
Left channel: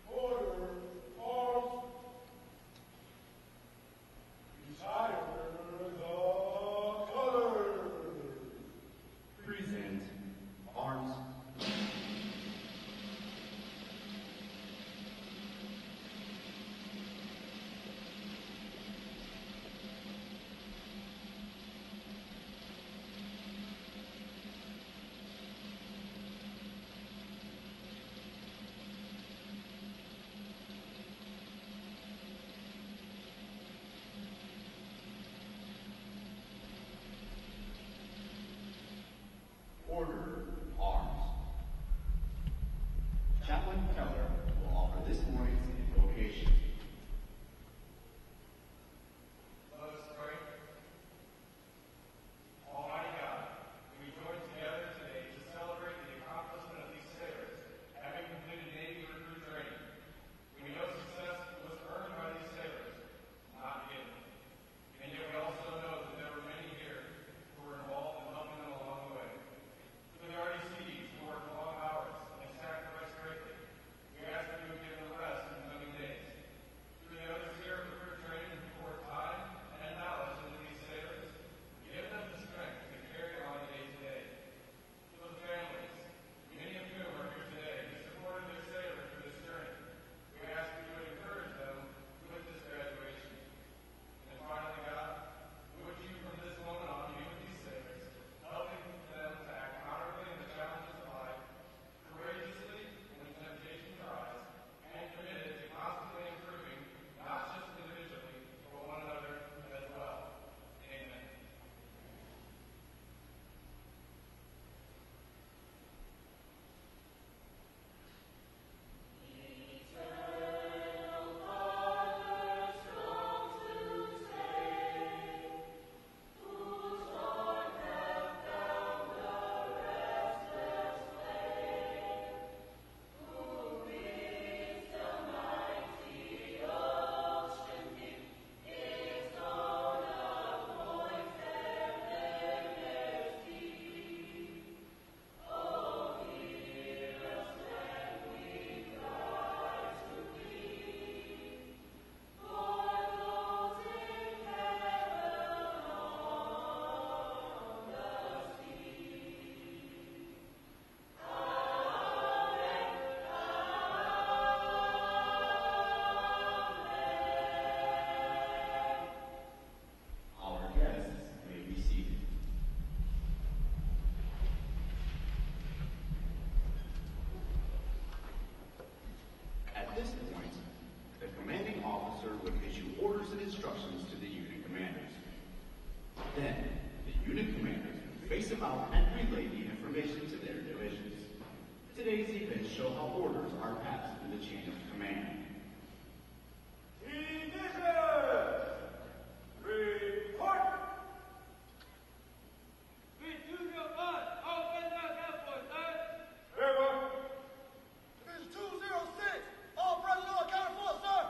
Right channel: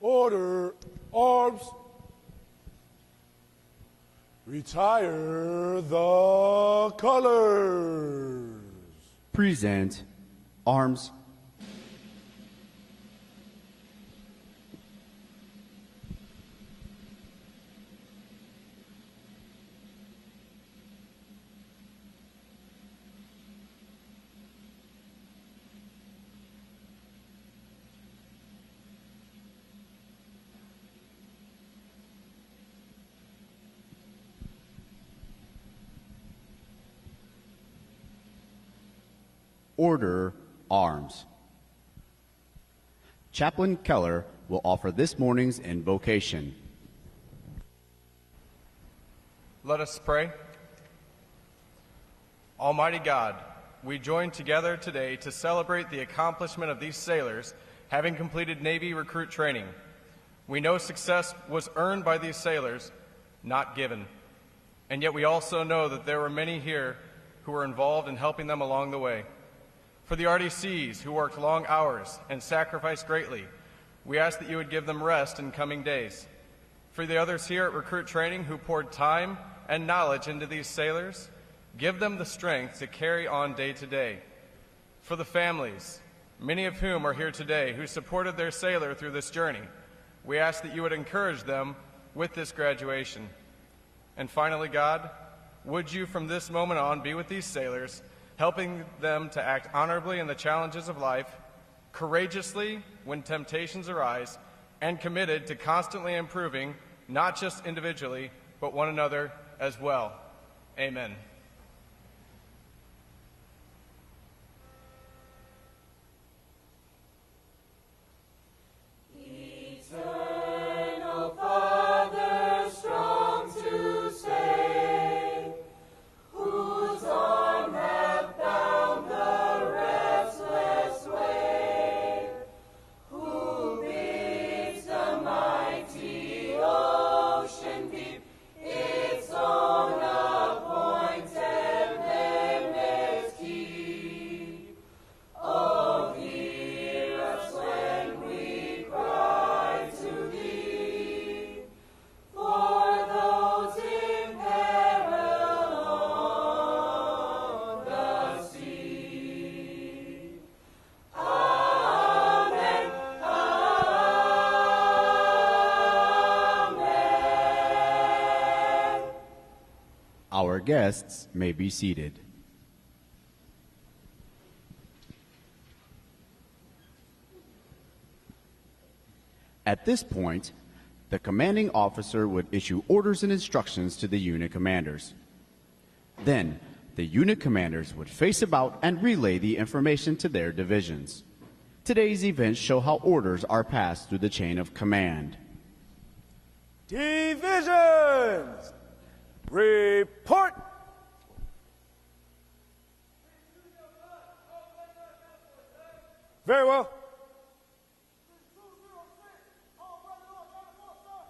Order, arms. Retire the colors. Present arms. Order arms. Chaplain Keller will offer this morning's invocation. Let us pray. Almighty God, we join together today to celebrate the accomplishment of these sailors having completed Navy recruit training. We know success was earned by these sailors, not given. And yet we also know that there were many here who were involved in helping them along the way. For the RDCs who worked long hours and sacrificed greatly, we ask that you would give them rest in coming days. For the others here at recruit training who poured time and knowledge into these sailors, give them the strength to carry on day to day. For the families, many of whom are here today, who supported their sailor through this journey, we ask that you would encourage them with this graduation. And finally, God, would you from this moment on be with these sailors, helping them to act honorably in the challenges of life, courageously when temptations arise, and committed to constantly improving, not just individually, but one another as well. Amen. Its own appointed guests may be seated. At this point, the commanding officer would issue orders and instructions to the unit commanders. Then, the unit commanders would face about and relay the information to their divisions. Today's events show how orders are passed through the chain of command. Divisions! Report! Very well. Division 206, all personnel accounted for, sir.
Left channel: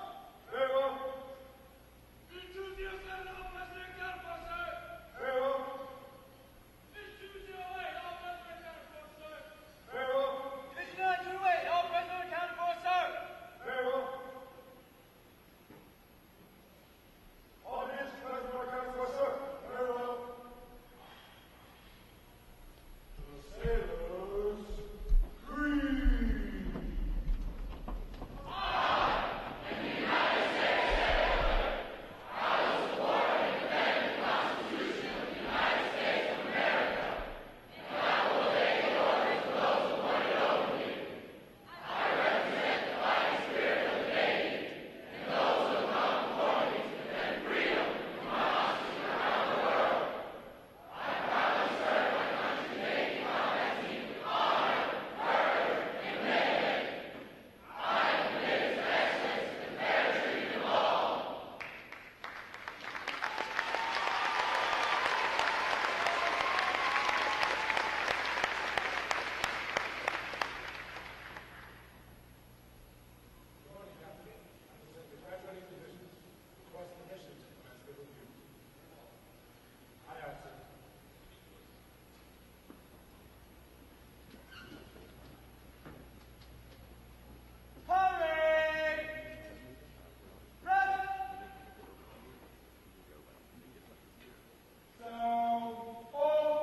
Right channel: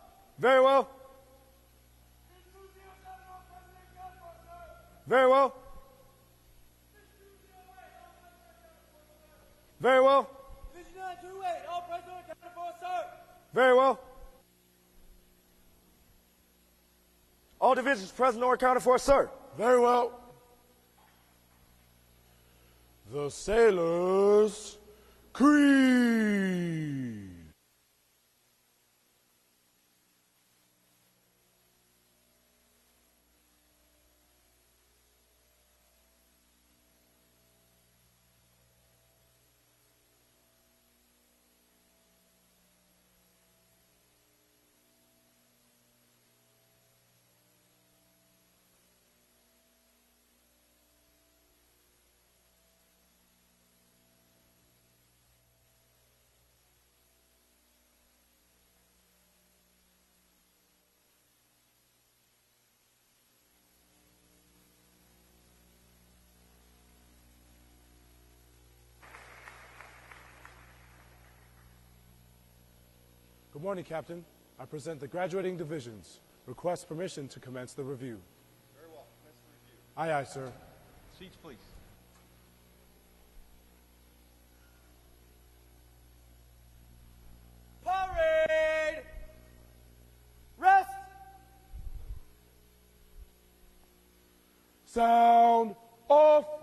Very well. Very well. Very well. Very well. All divisions present or accounted for, sir. Very well. The sailors' creed. Good morning, Captain. I present the graduating divisions. Request permission to commence the review. Aye, aye, sir. Seats, please. Parade! Rest! Sound off.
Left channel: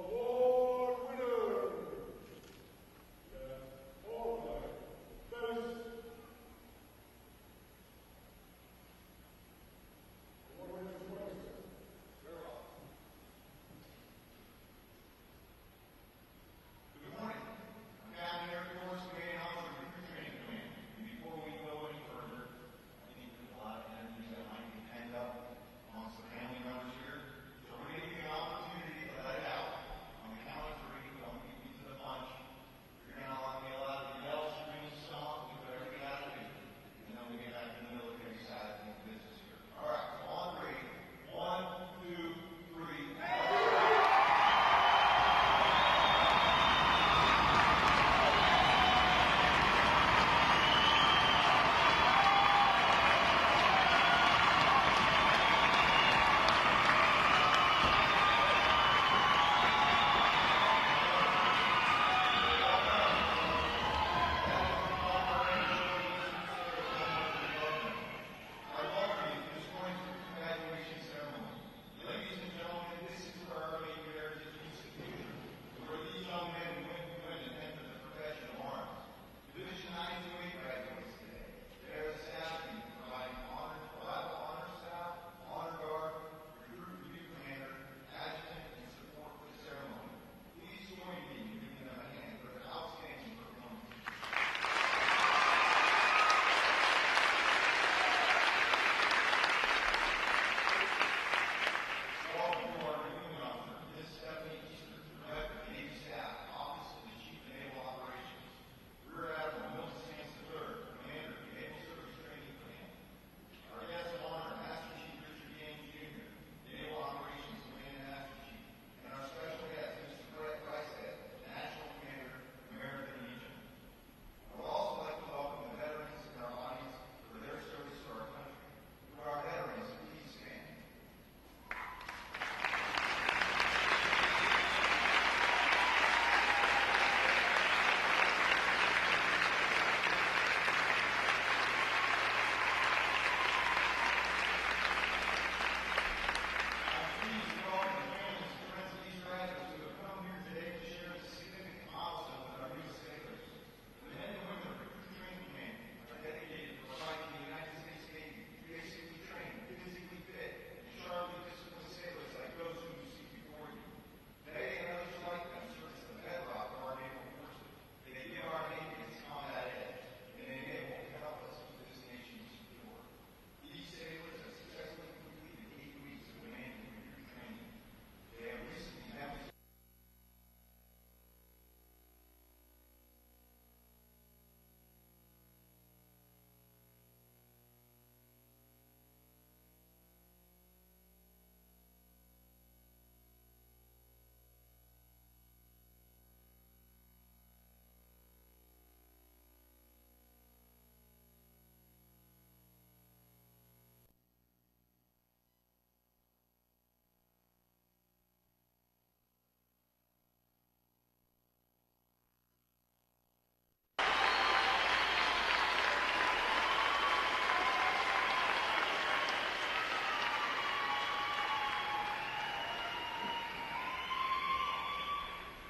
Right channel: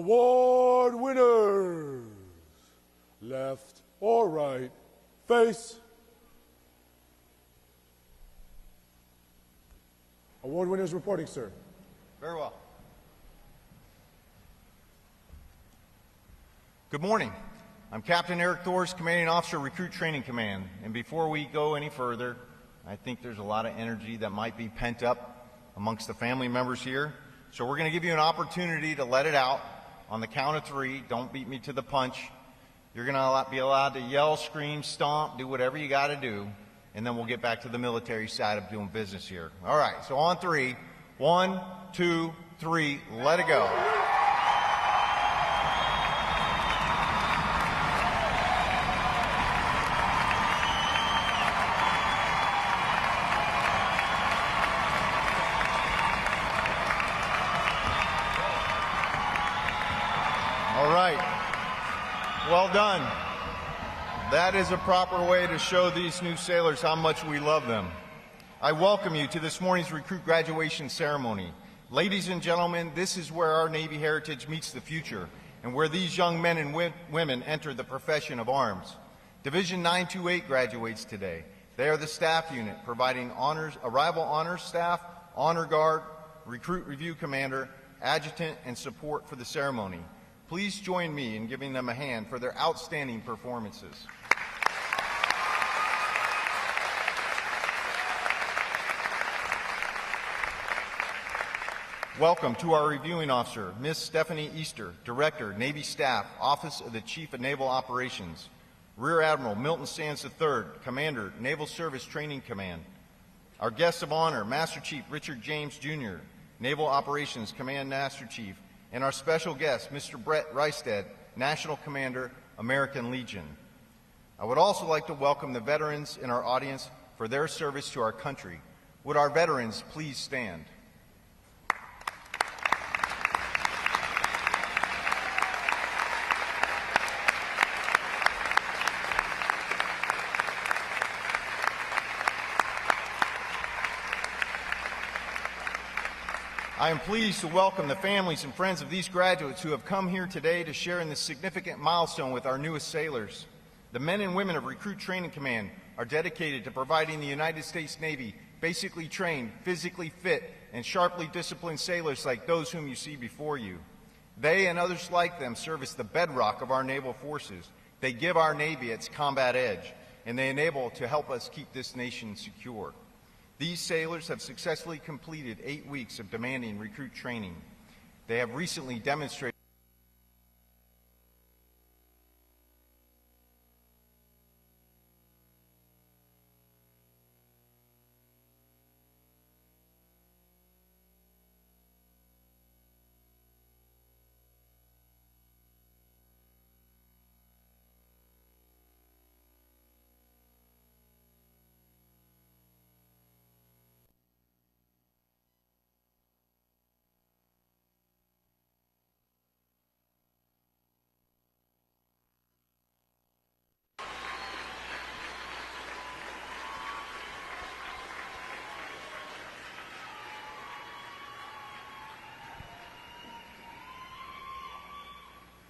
Award winners. Left or right, face. Award winners reporting, sir. Very well. Good morning. I'm Captain Eric Thors, Commanding Officer, Recruit Training Command. And before we go any further, I think there's a lot of energy that might be pent up amongst the family members here. So we're going to give you an opportunity to let it out on the count of 3. Don't beat me to the punch. You're going to be allowed to yell, scream, stomp, do whatever you got to do. And then we'll get back to the military side of doing business here. All right, so on 3. 1, 2, 3, let it go. All right, well done. That is a proper way to show these new sailors how much we love them. I welcome you to this morning's recruit graduation ceremony. Ladies and gentlemen, this is where our Navy heritage meets the future and where these young men and women enter the profession of arms. Division 928 graduates today. They are the staff unit providing honors, arrival honors staff, honor guard, recruit review commander, adjutant, and support for the ceremony. Please join me in giving them a hand for their outstanding performances. Welcome to our reviewing officer, Ms. Stephanie Easter, Director, Navy Staff, Office of the Chief of Naval Operations. Rear Admiral Milton Sands III, Commander, Naval Service Training Command. Our guests of honor, Master Chief Richard James Jr., Naval Operations Command Master Chief, and our special guest, Mr. Brett Reisted, National Commander, American Legion. I would also like to welcome the veterans in our audience for their service to our country. Would our veterans please stand? I am pleased to welcome the families and friends of these graduates who have come here today to share in this significant milestone with our newest sailors. The men and women of Recruit Training Command are dedicated to providing the United States Navy basically trained, physically fit, and sharply disciplined sailors like those whom you see before you. They and others like them serve as the bedrock of our naval forces. They give our Navy its combat edge, and they enable to help us keep this nation secure. These sailors have successfully completed 8 weeks of demanding recruit training. They have recently demonstrated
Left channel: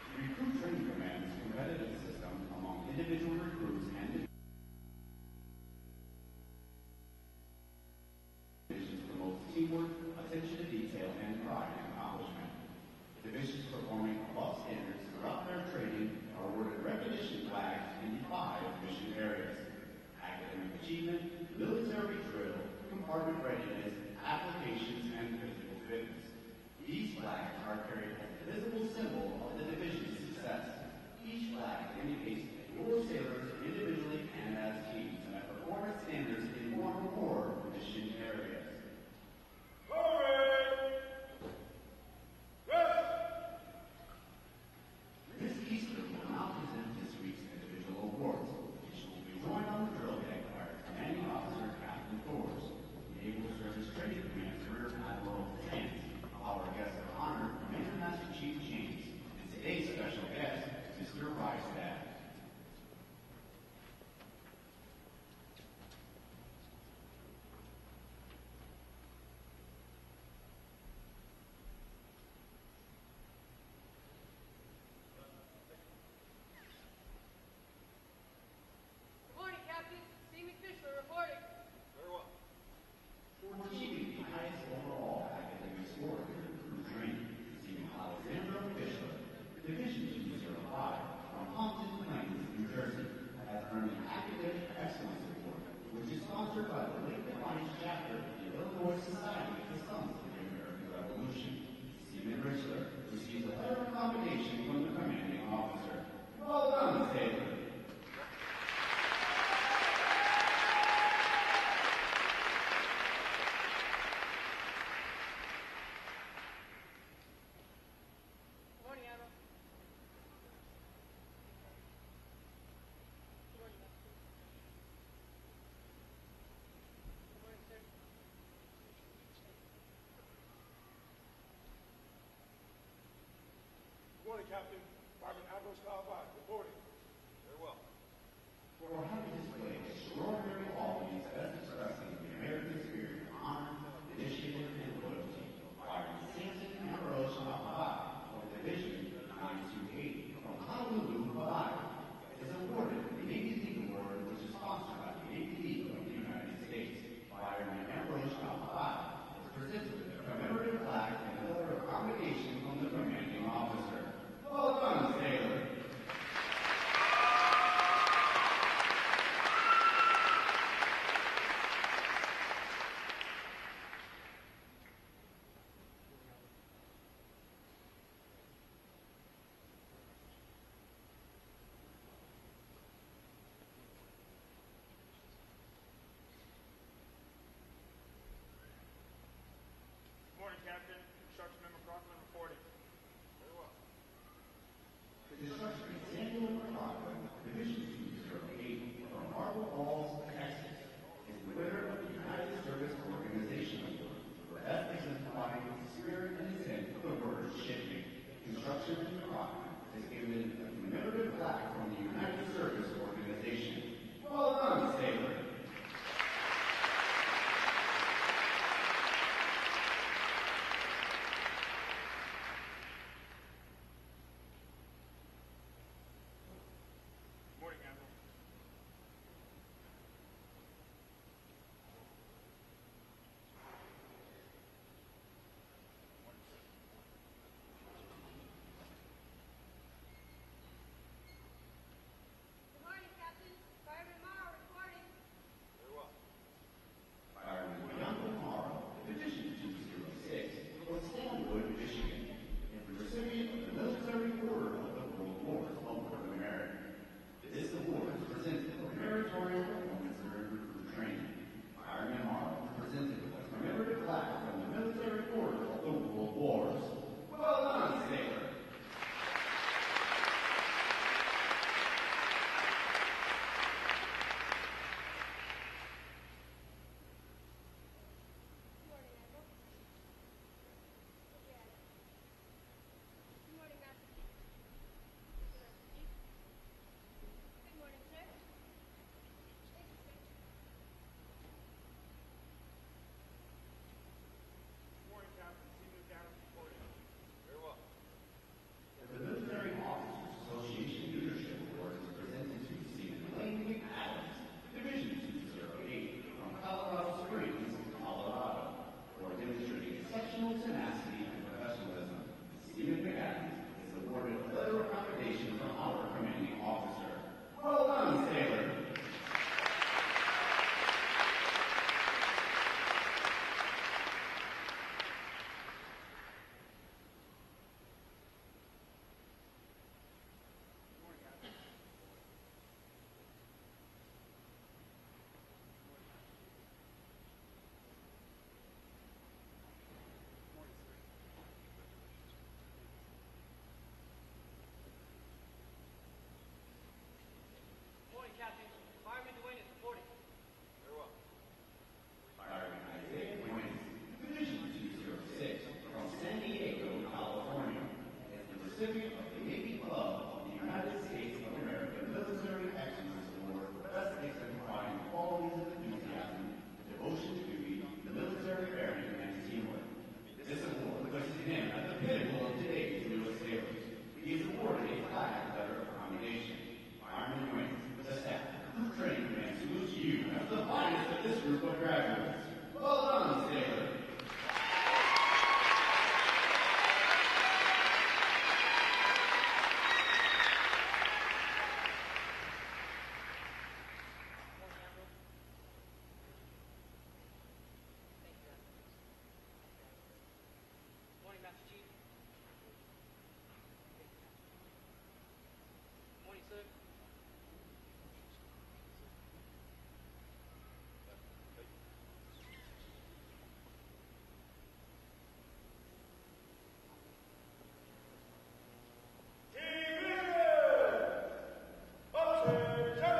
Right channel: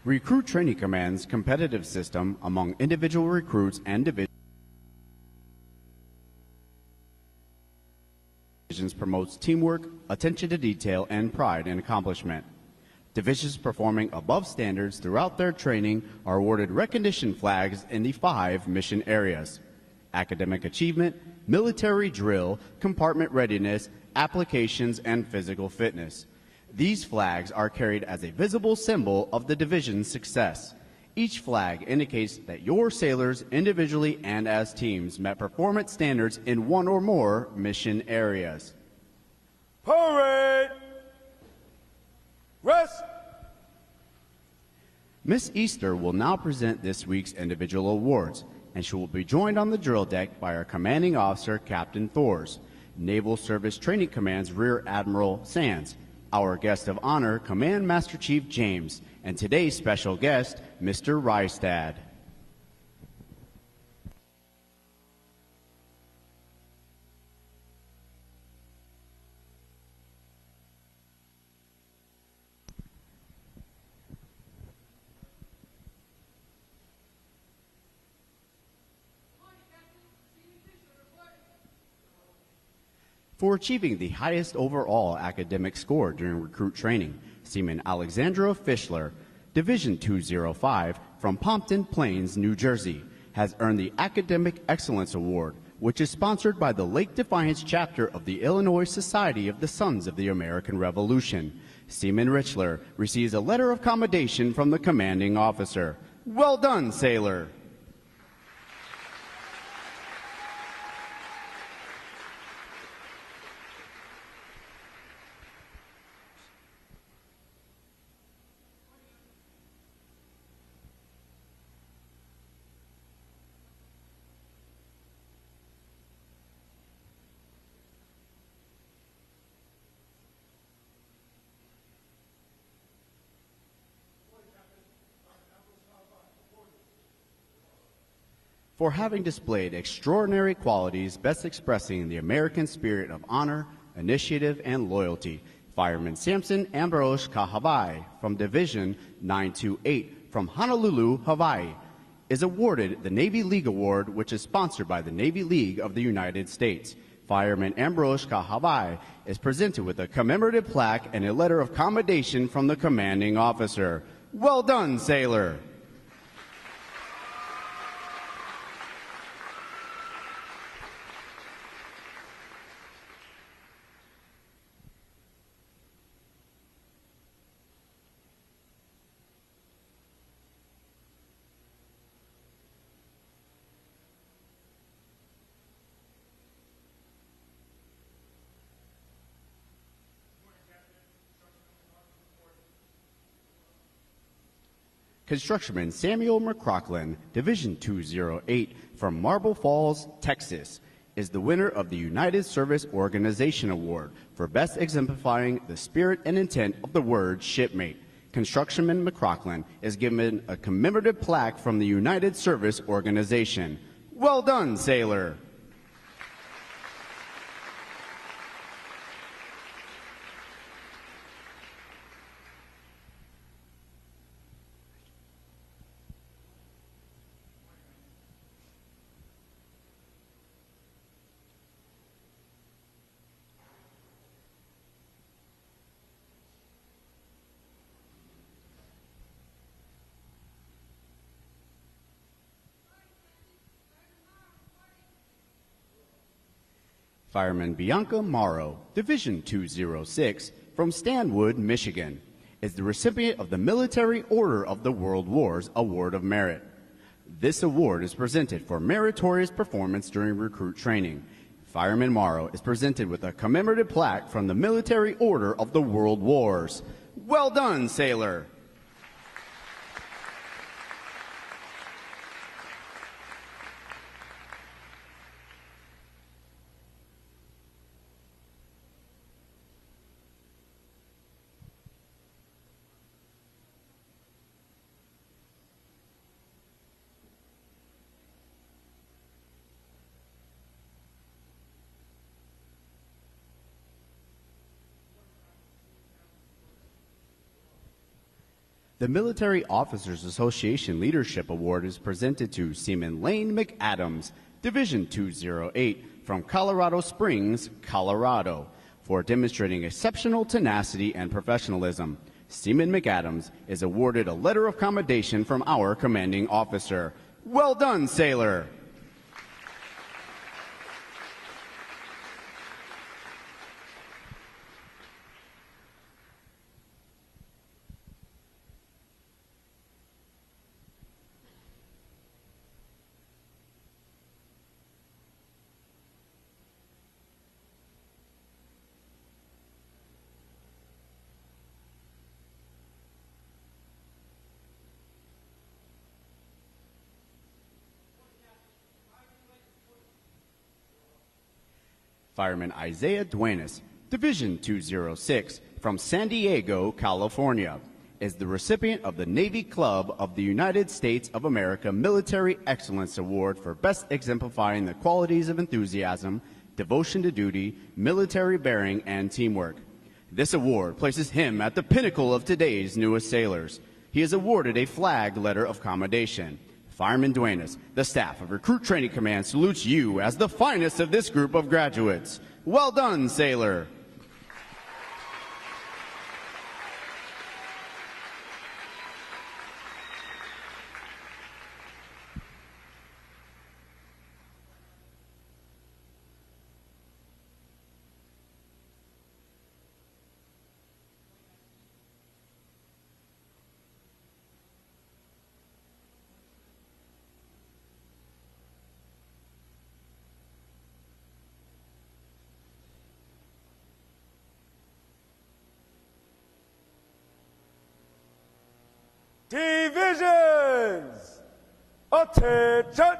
Recruit Training Command's competitive system among individual recruits and divisions promotes teamwork, attention to detail, and pride in accomplishment. Divisions performing above standards throughout their training are awarded recognition flags in the 5 mission areas: academic achievement, military drill, compartment readiness, applications, and physical fitness. These flags are carried as a visible symbol of the division's success. Each flag indicates that your sailors, individually and as teams, met performance standards in one or more mission areas. Parade! Rest! Miss Easter will now present this week's individual awards, and she will be joined on the drill deck by our commanding officer, Captain Thors, Naval Service Training Command's Rear Admiral Sands, our guest of honor, Command Master Chief James, and today's special guest, Mr. Reistad. For achieving the highest overall academic score during recruit training, Seaman Alexandra Fischler, Division 205 from Pompton Plains, New Jersey, has earned the Academic Excellence Award, which is sponsored by the Lake Defiance chapter of the Illinois Society of the Sons of the American Revolution. Seaman Richler receives a letter of commendation from the commanding officer. Well done, sailor! For having displayed extraordinary qualities best expressing the American spirit of honor, initiative, and loyalty, Fireman Samson Ambrose Kahavai from Division 928 from Honolulu, Hawaii, is awarded the Navy League Award, which is sponsored by the Navy League of the United States. Fireman Ambrose Kahavai is presented with a commemorative plaque and a letter of commendation from the commanding officer. Well done, sailor! Constructionman Samuel McCrocklin, Division 208 from Marble Falls, Texas, is the winner of the United Service Organization Award for best exemplifying the spirit and intent of the word shipmate. Constructionman McCrocklin is given a commemorative plaque from the United Service Organization. Well done, sailor! Fireman Bianca Morrow, Division 206, from Stanwood, Michigan, is the recipient of the Military Order of the World Wars Award of Merit. This award is presented for meritorious performance during recruit training. Fireman Morrow is presented with a commemorative plaque from the Military Order of the World Wars. Well done, sailor! The Military Officers Association Leadership Award is presented to Seaman Lane McAdams, Division 208, from Colorado Springs, Colorado, for demonstrating exceptional tenacity and professionalism. Seaman McAdams is awarded a letter of commendation from our commanding officer. Well done, sailor! Fireman Isaiah Duenas, Division 206, from San Diego, California, is the recipient of the Navy Club of the United States of America Military Excellence Award for best exemplifying the qualities of enthusiasm, devotion to duty, military bearing, and teamwork. This award places him at the pinnacle of today's newest sailors. He is awarded a flag letter of commendation. Fireman Duenas, the staff of Recruit Training Command salutes you as the finest of this group of graduates. Well done, Sailor. Divisions! Attention!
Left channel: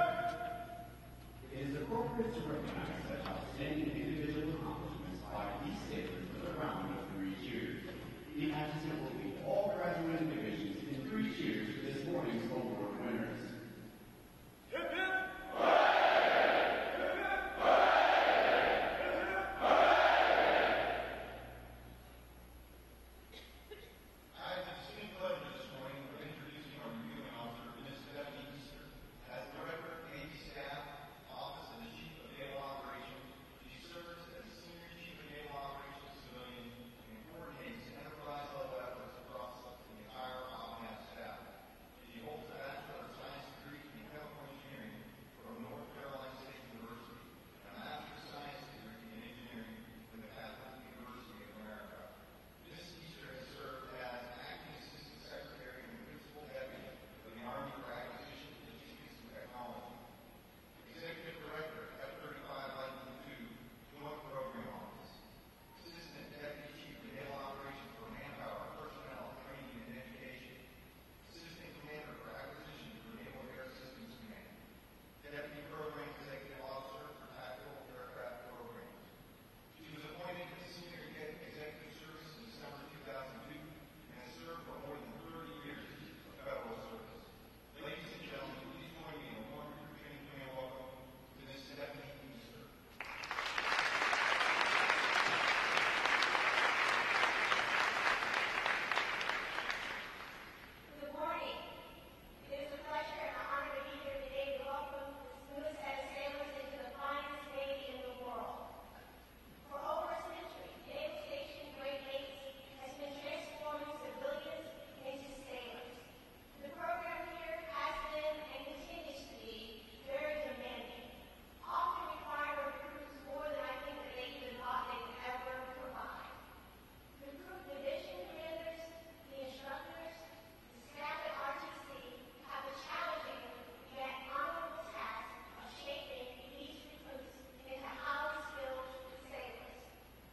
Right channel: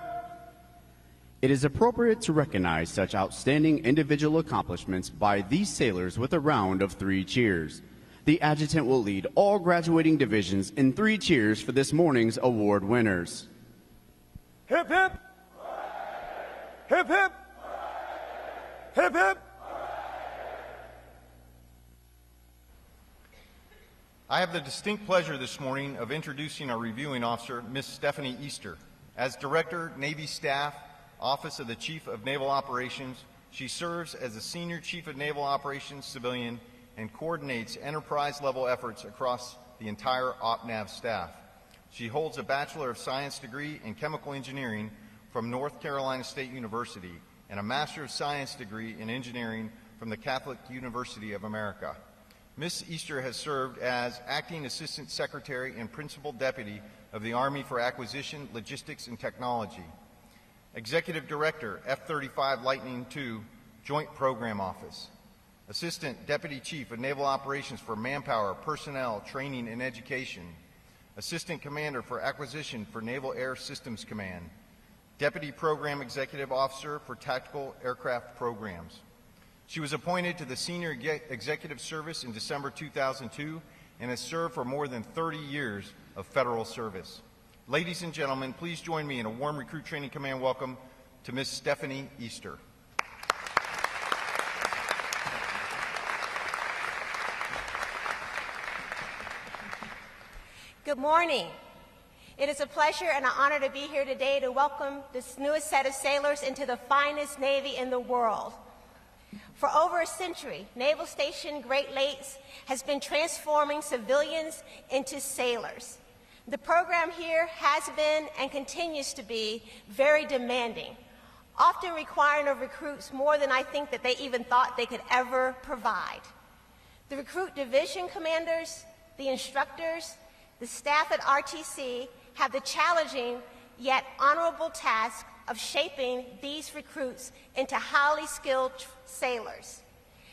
It is appropriate to recognize such outstanding individual accomplishments by these sailors with a round of 3 cheers. The adjutant will lead all graduating divisions in 3 cheers for this morning's award winners. Hip hip! Hip hip! Hip hip! I have the distinct pleasure this morning of introducing our reviewing officer, Miss Stephanie Easter. As Director, Navy Staff, Office of the Chief of Naval Operations, she serves as the Senior Chief of Naval Operations Civilian and coordinates enterprise-level efforts across the entire OPNAV staff. She holds a Bachelor of Science degree in Chemical Engineering from North Carolina State University and a Master of Science degree in Engineering from the Catholic University of America. Ms. Easter has served as Acting Assistant Secretary and Principal Deputy of the Army for Acquisition, Logistics, and Technology, Executive Director, F-35 Lightning II, Joint Program Office, Assistant Deputy Chief of Naval Operations for Manpower, Personnel, Training, and Education, Assistant Commander for Acquisition for Naval Air Systems Command, Deputy Program Executive Officer for Tactical Aircraft Programs. She was appointed to the Senior Executive Service in December 2002 and has served for more than 30 years of federal service. Ladies and gentlemen, please join me in a warm Recruit Training Command welcome to Ms. Stephanie Easter. Good morning. It is a pleasure and an honor to be here today to welcome this newest set of sailors into the finest Navy in the world. For over a century, Naval Station Great Lakes has been transforming civilians into sailors. The program here has been and continues to be very demanding, often requiring of recruits more than I think that they even thought they could ever provide. The recruit division commanders, the instructors, the staff at RTC have the challenging yet honorable task of shaping these recruits into highly skilled sailors.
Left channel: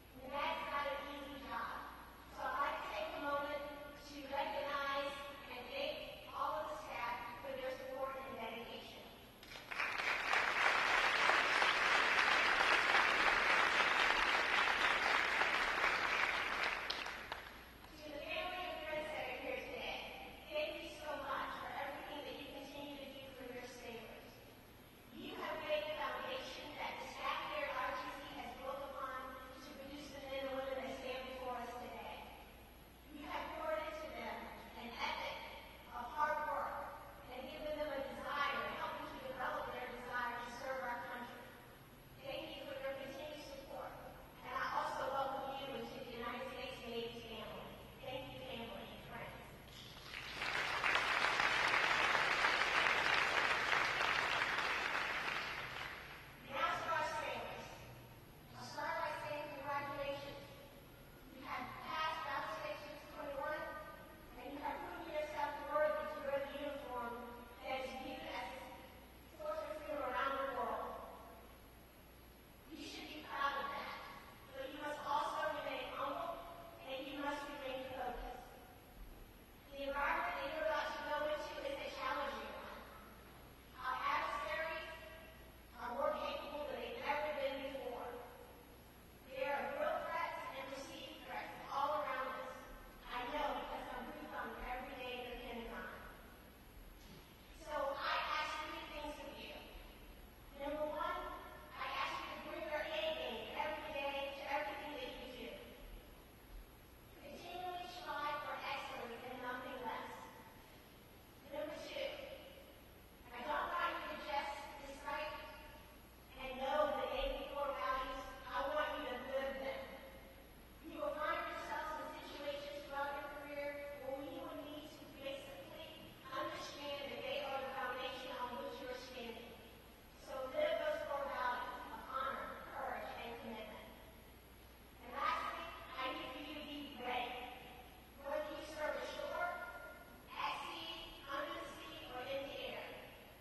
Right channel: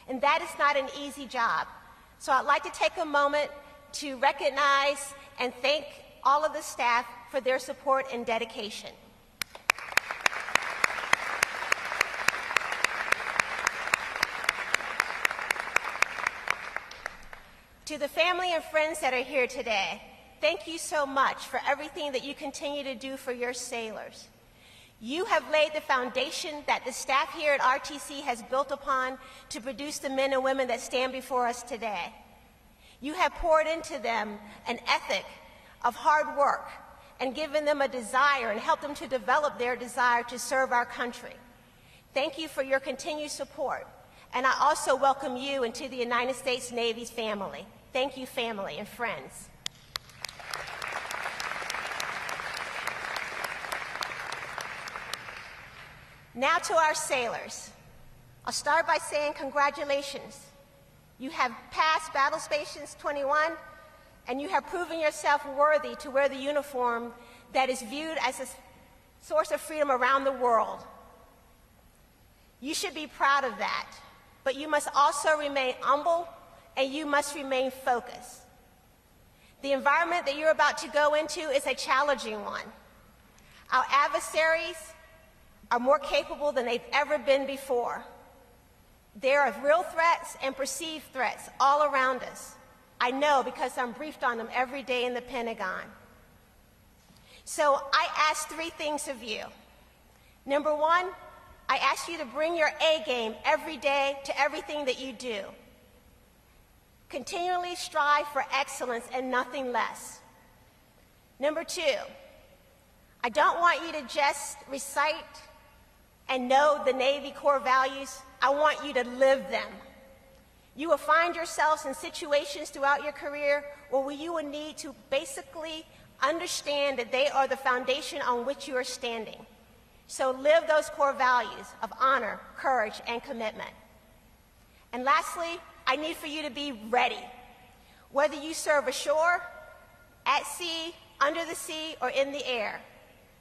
And that is not an easy job. So I'd like to take a moment to recognize and thank all of the staff for their support and dedication. To the family and friends that are here today, thank you so much for everything that you continue to do for your sailors. You have laid the foundation that the staff here at RTC has built upon to produce the men and women that stand before us today. You have poured into them an ethic of hard work and given them a desire and helped them to develop their desire to serve our country. Thank you for your continued support. And I also welcome you into the United States Navy's family. Thank you, family and friends. Now to our sailors. I'll start by saying congratulations. You have passed Battle Stations 21, and you have proven yourself worthy to wear the uniform that is viewed as a source of freedom around the world. You should be proud of that, but you must also remain humble, and you must remain focused. The environment that you're about to go into is a challenging one. Our adversaries are more capable than they've ever been before. There are real threats and perceived threats all around us. I know because I'm briefed on them every day in the Pentagon. So I ask 3 things of you. Number 1, I ask you to bring your A game every day to everything that you do. Continually strive for excellence and nothing less. Number 2, I don't want you to just recite and know the Navy core values. I want you to live them. You will find yourselves in situations throughout your career where you will need to basically understand that they are the foundation on which you are standing. So live those core values of honor, courage, and commitment. And lastly, I need for you to be ready. Whether you serve ashore, at sea, under the sea, or in the air,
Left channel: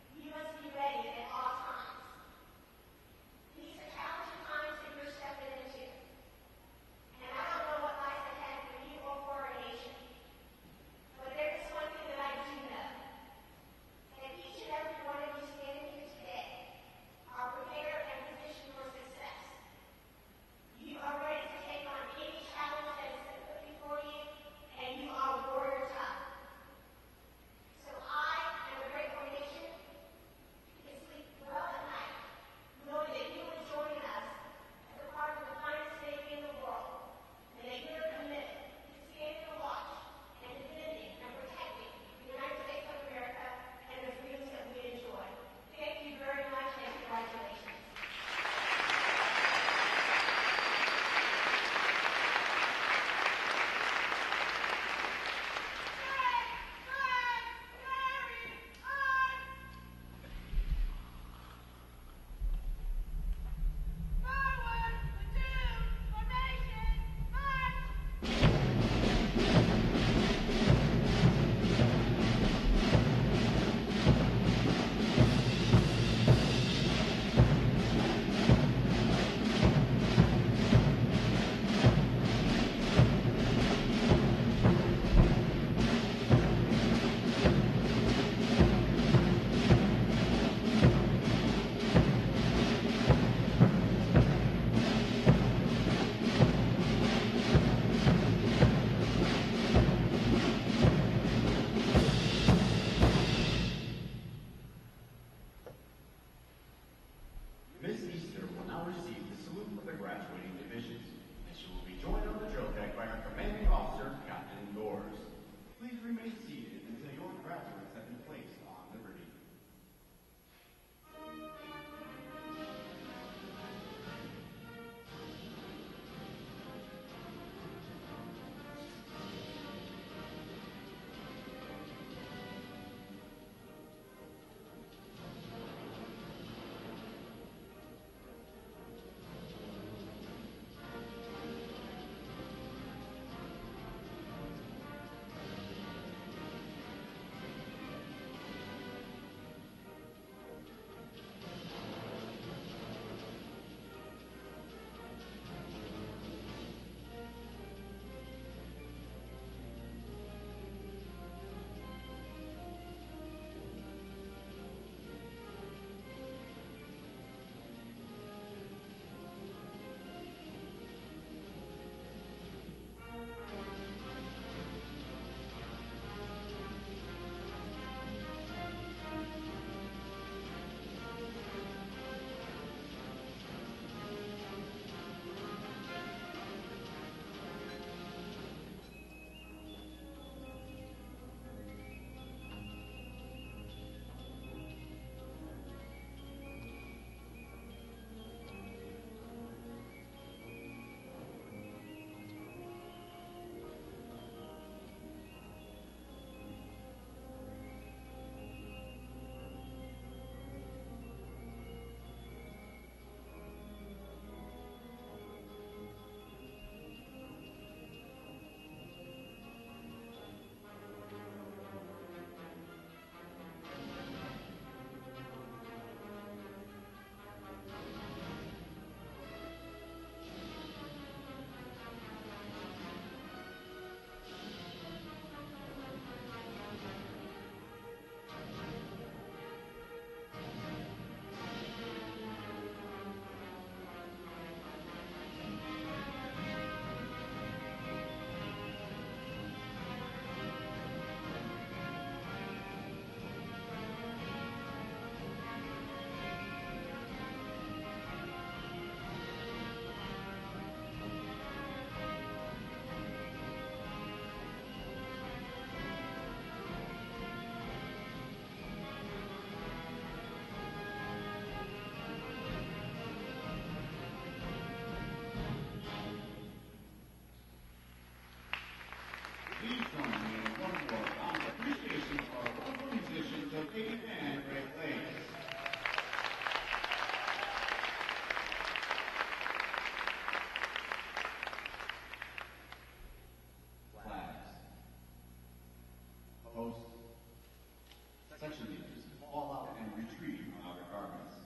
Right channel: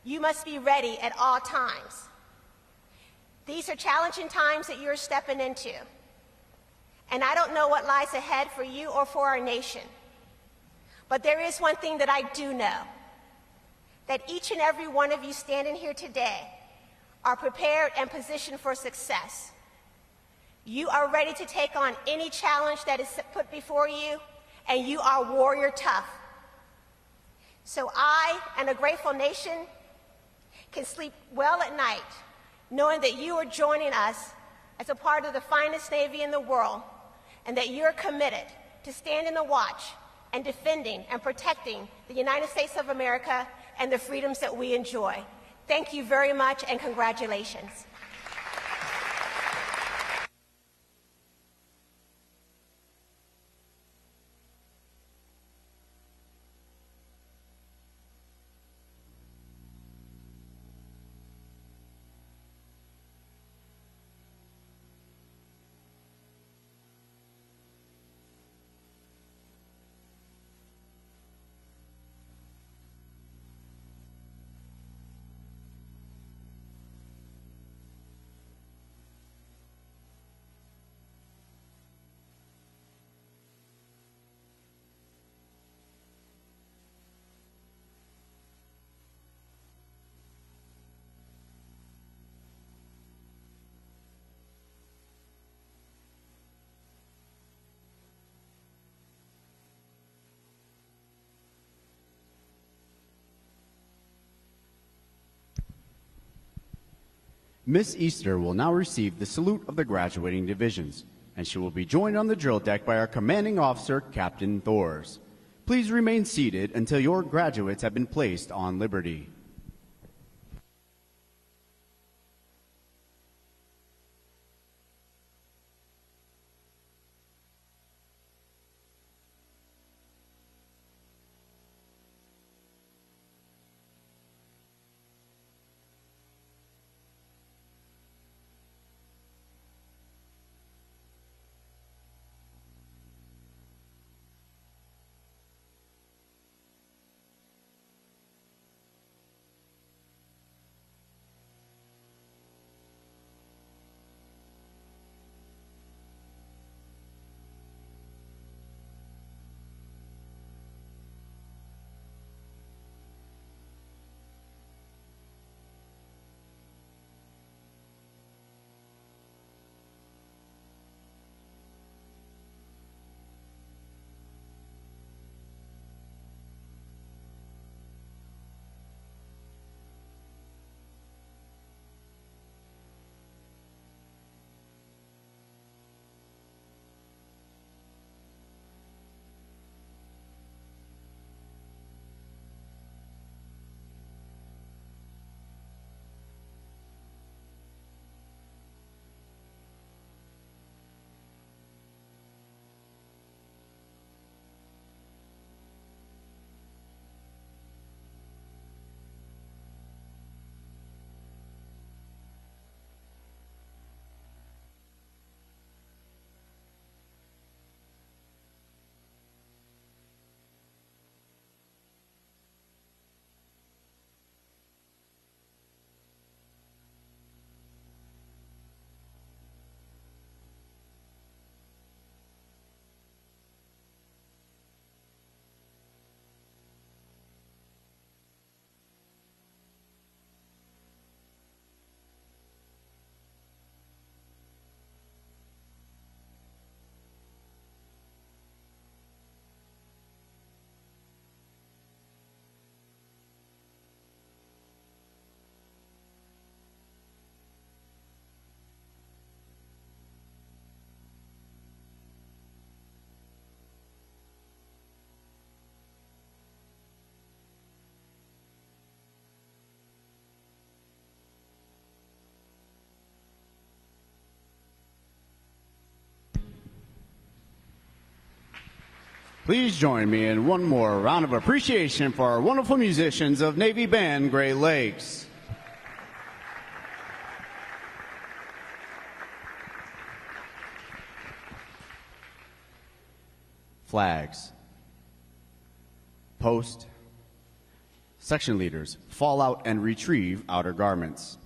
you must be ready at all times. These are challenging times that you're stepping into. And I don't know what lies ahead for you or for our nation. But there is one thing that I do know, that each and every one of you standing here today are prepared and positioned for success. You are ready to take on any challenge that is put before you, and you are warrior tough. So I and a grateful nation can sleep well at night, knowing that you are joining us as a part of the finest Navy in the world, and that you're committed to standing the watch and defending and protecting the United States of America and the freedoms that we enjoy. Thank you very much, and congratulations. Miss Easter will now receive the salute of the graduating divisions, and she will be joined on the drill deck by our commanding officer, Captain Thors. Please remain seated until your graduates have been placed on liberty. Please join me in one more round of appreciation for our wonderful musicians of Navy Band Great Lakes. Flags. Post. Section leaders, fall out and retrieve outer garments.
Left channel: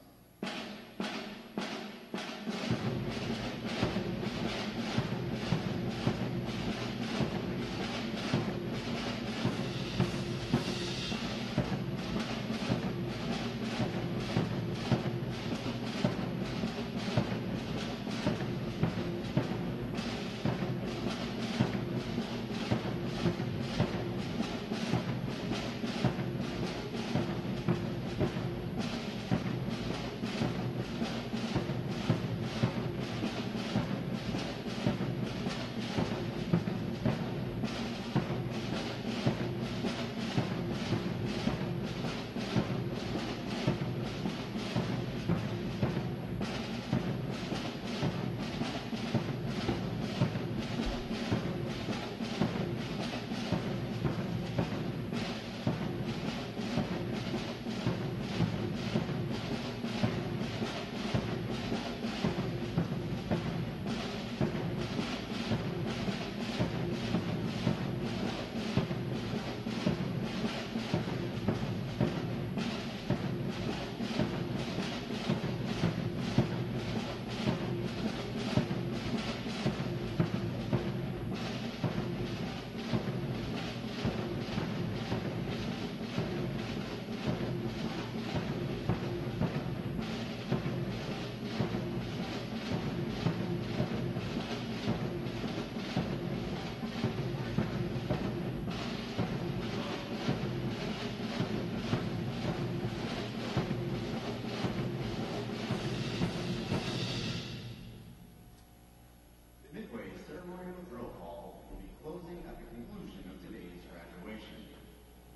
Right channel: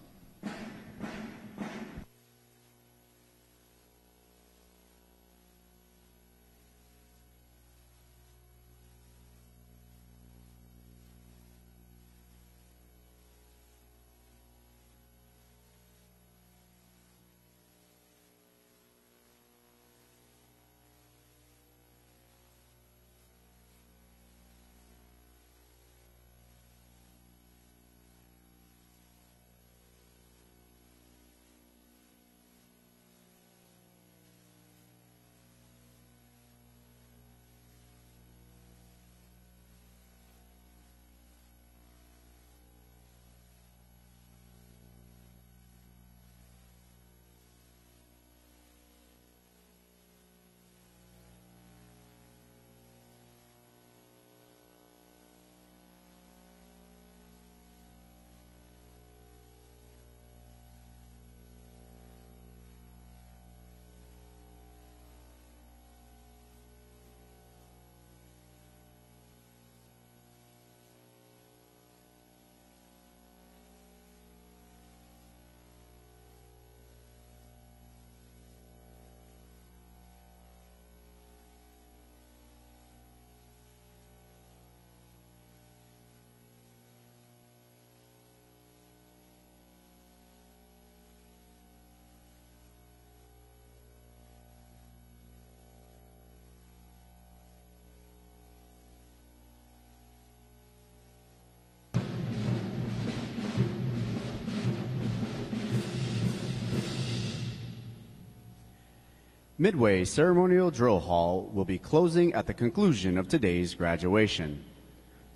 Midway Ceremonial Drill Hall will be closing at the conclusion of today's graduation.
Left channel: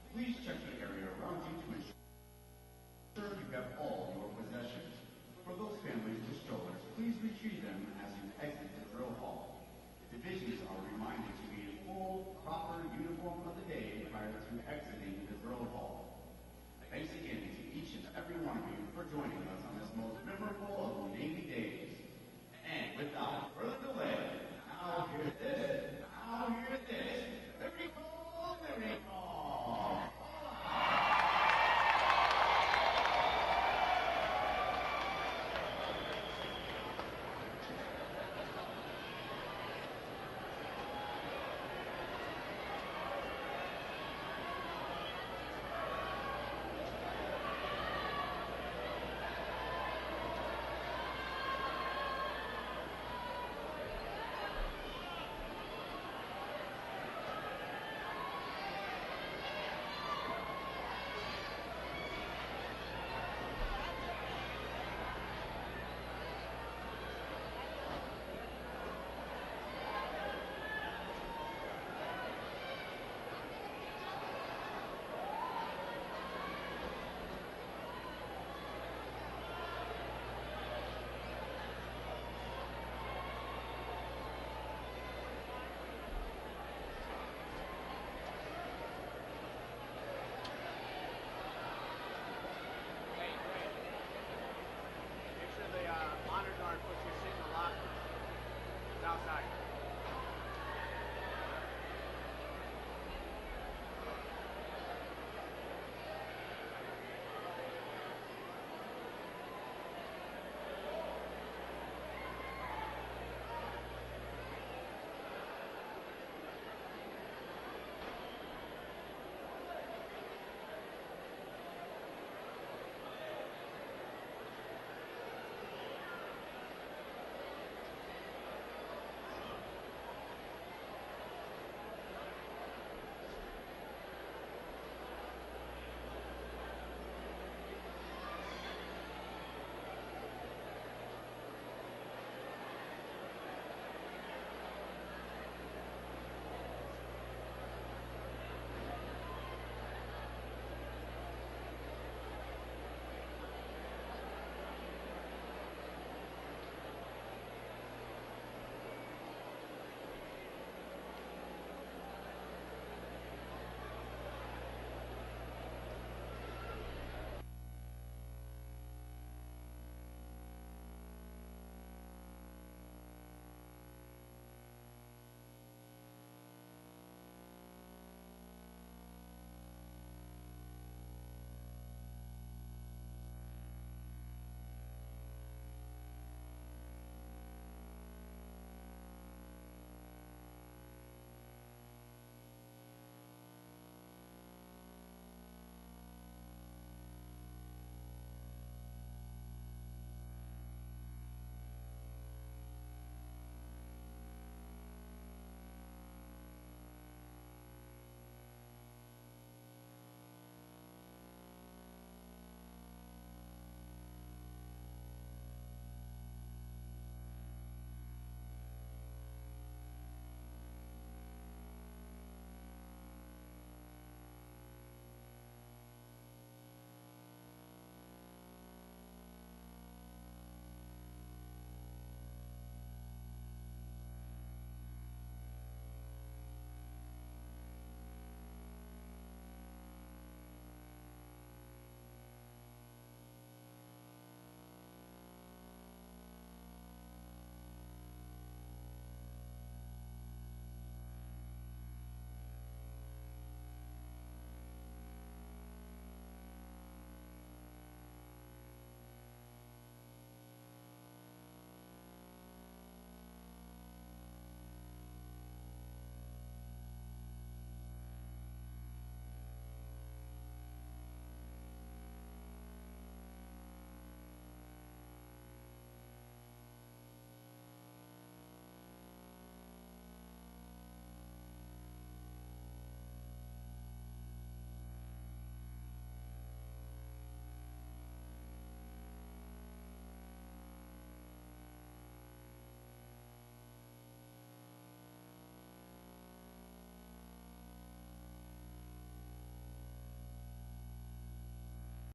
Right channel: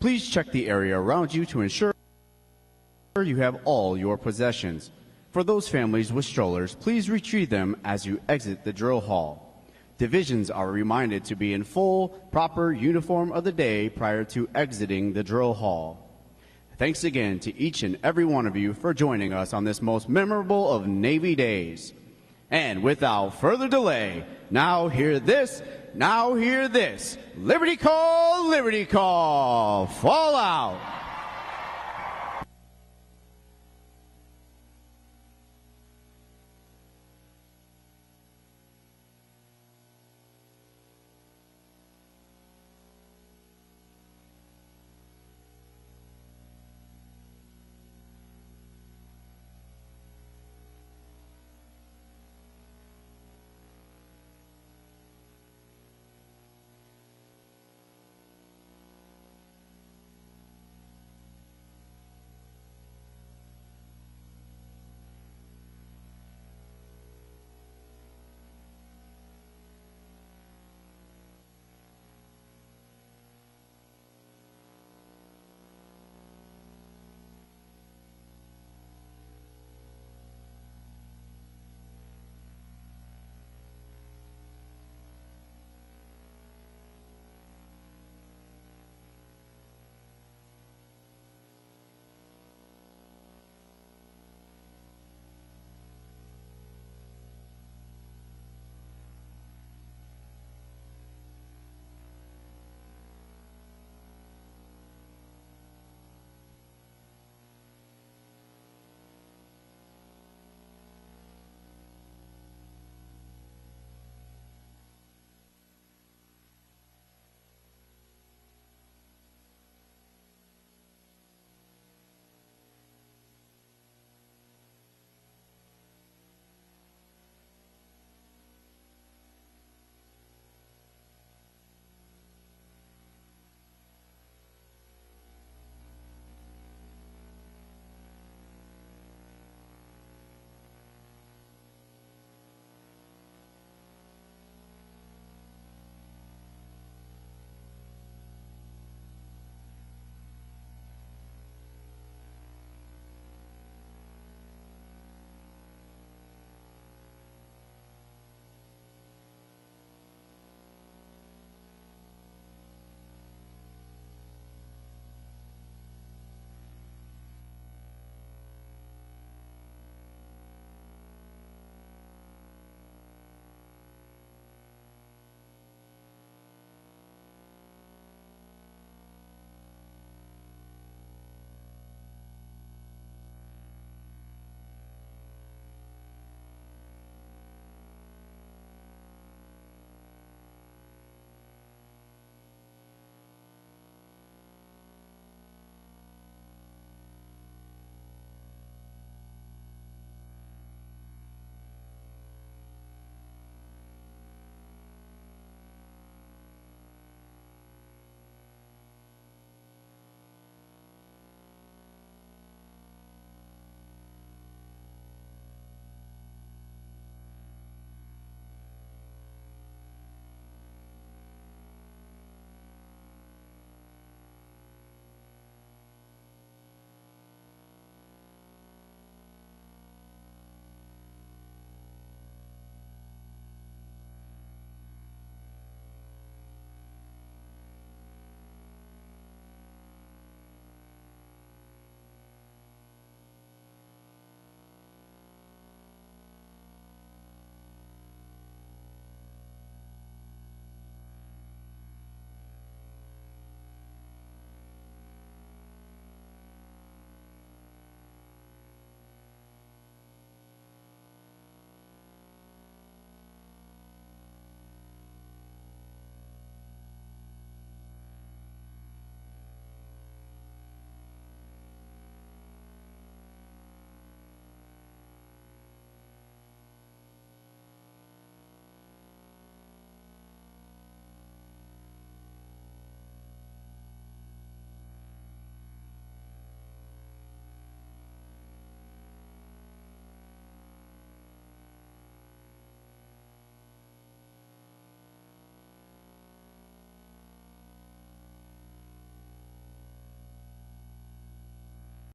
Please check the area around you to ensure you have all your possessions. For those families with strollers, please retrieve them as you exit the drill hall. Divisions are reminded to be in full, proper uniform of the day prior to exiting the drill hall. Thanks again to each and every one of you for joining us on this most memorable of Navy days. And without further delay, now hear this, Liberty call, fall out.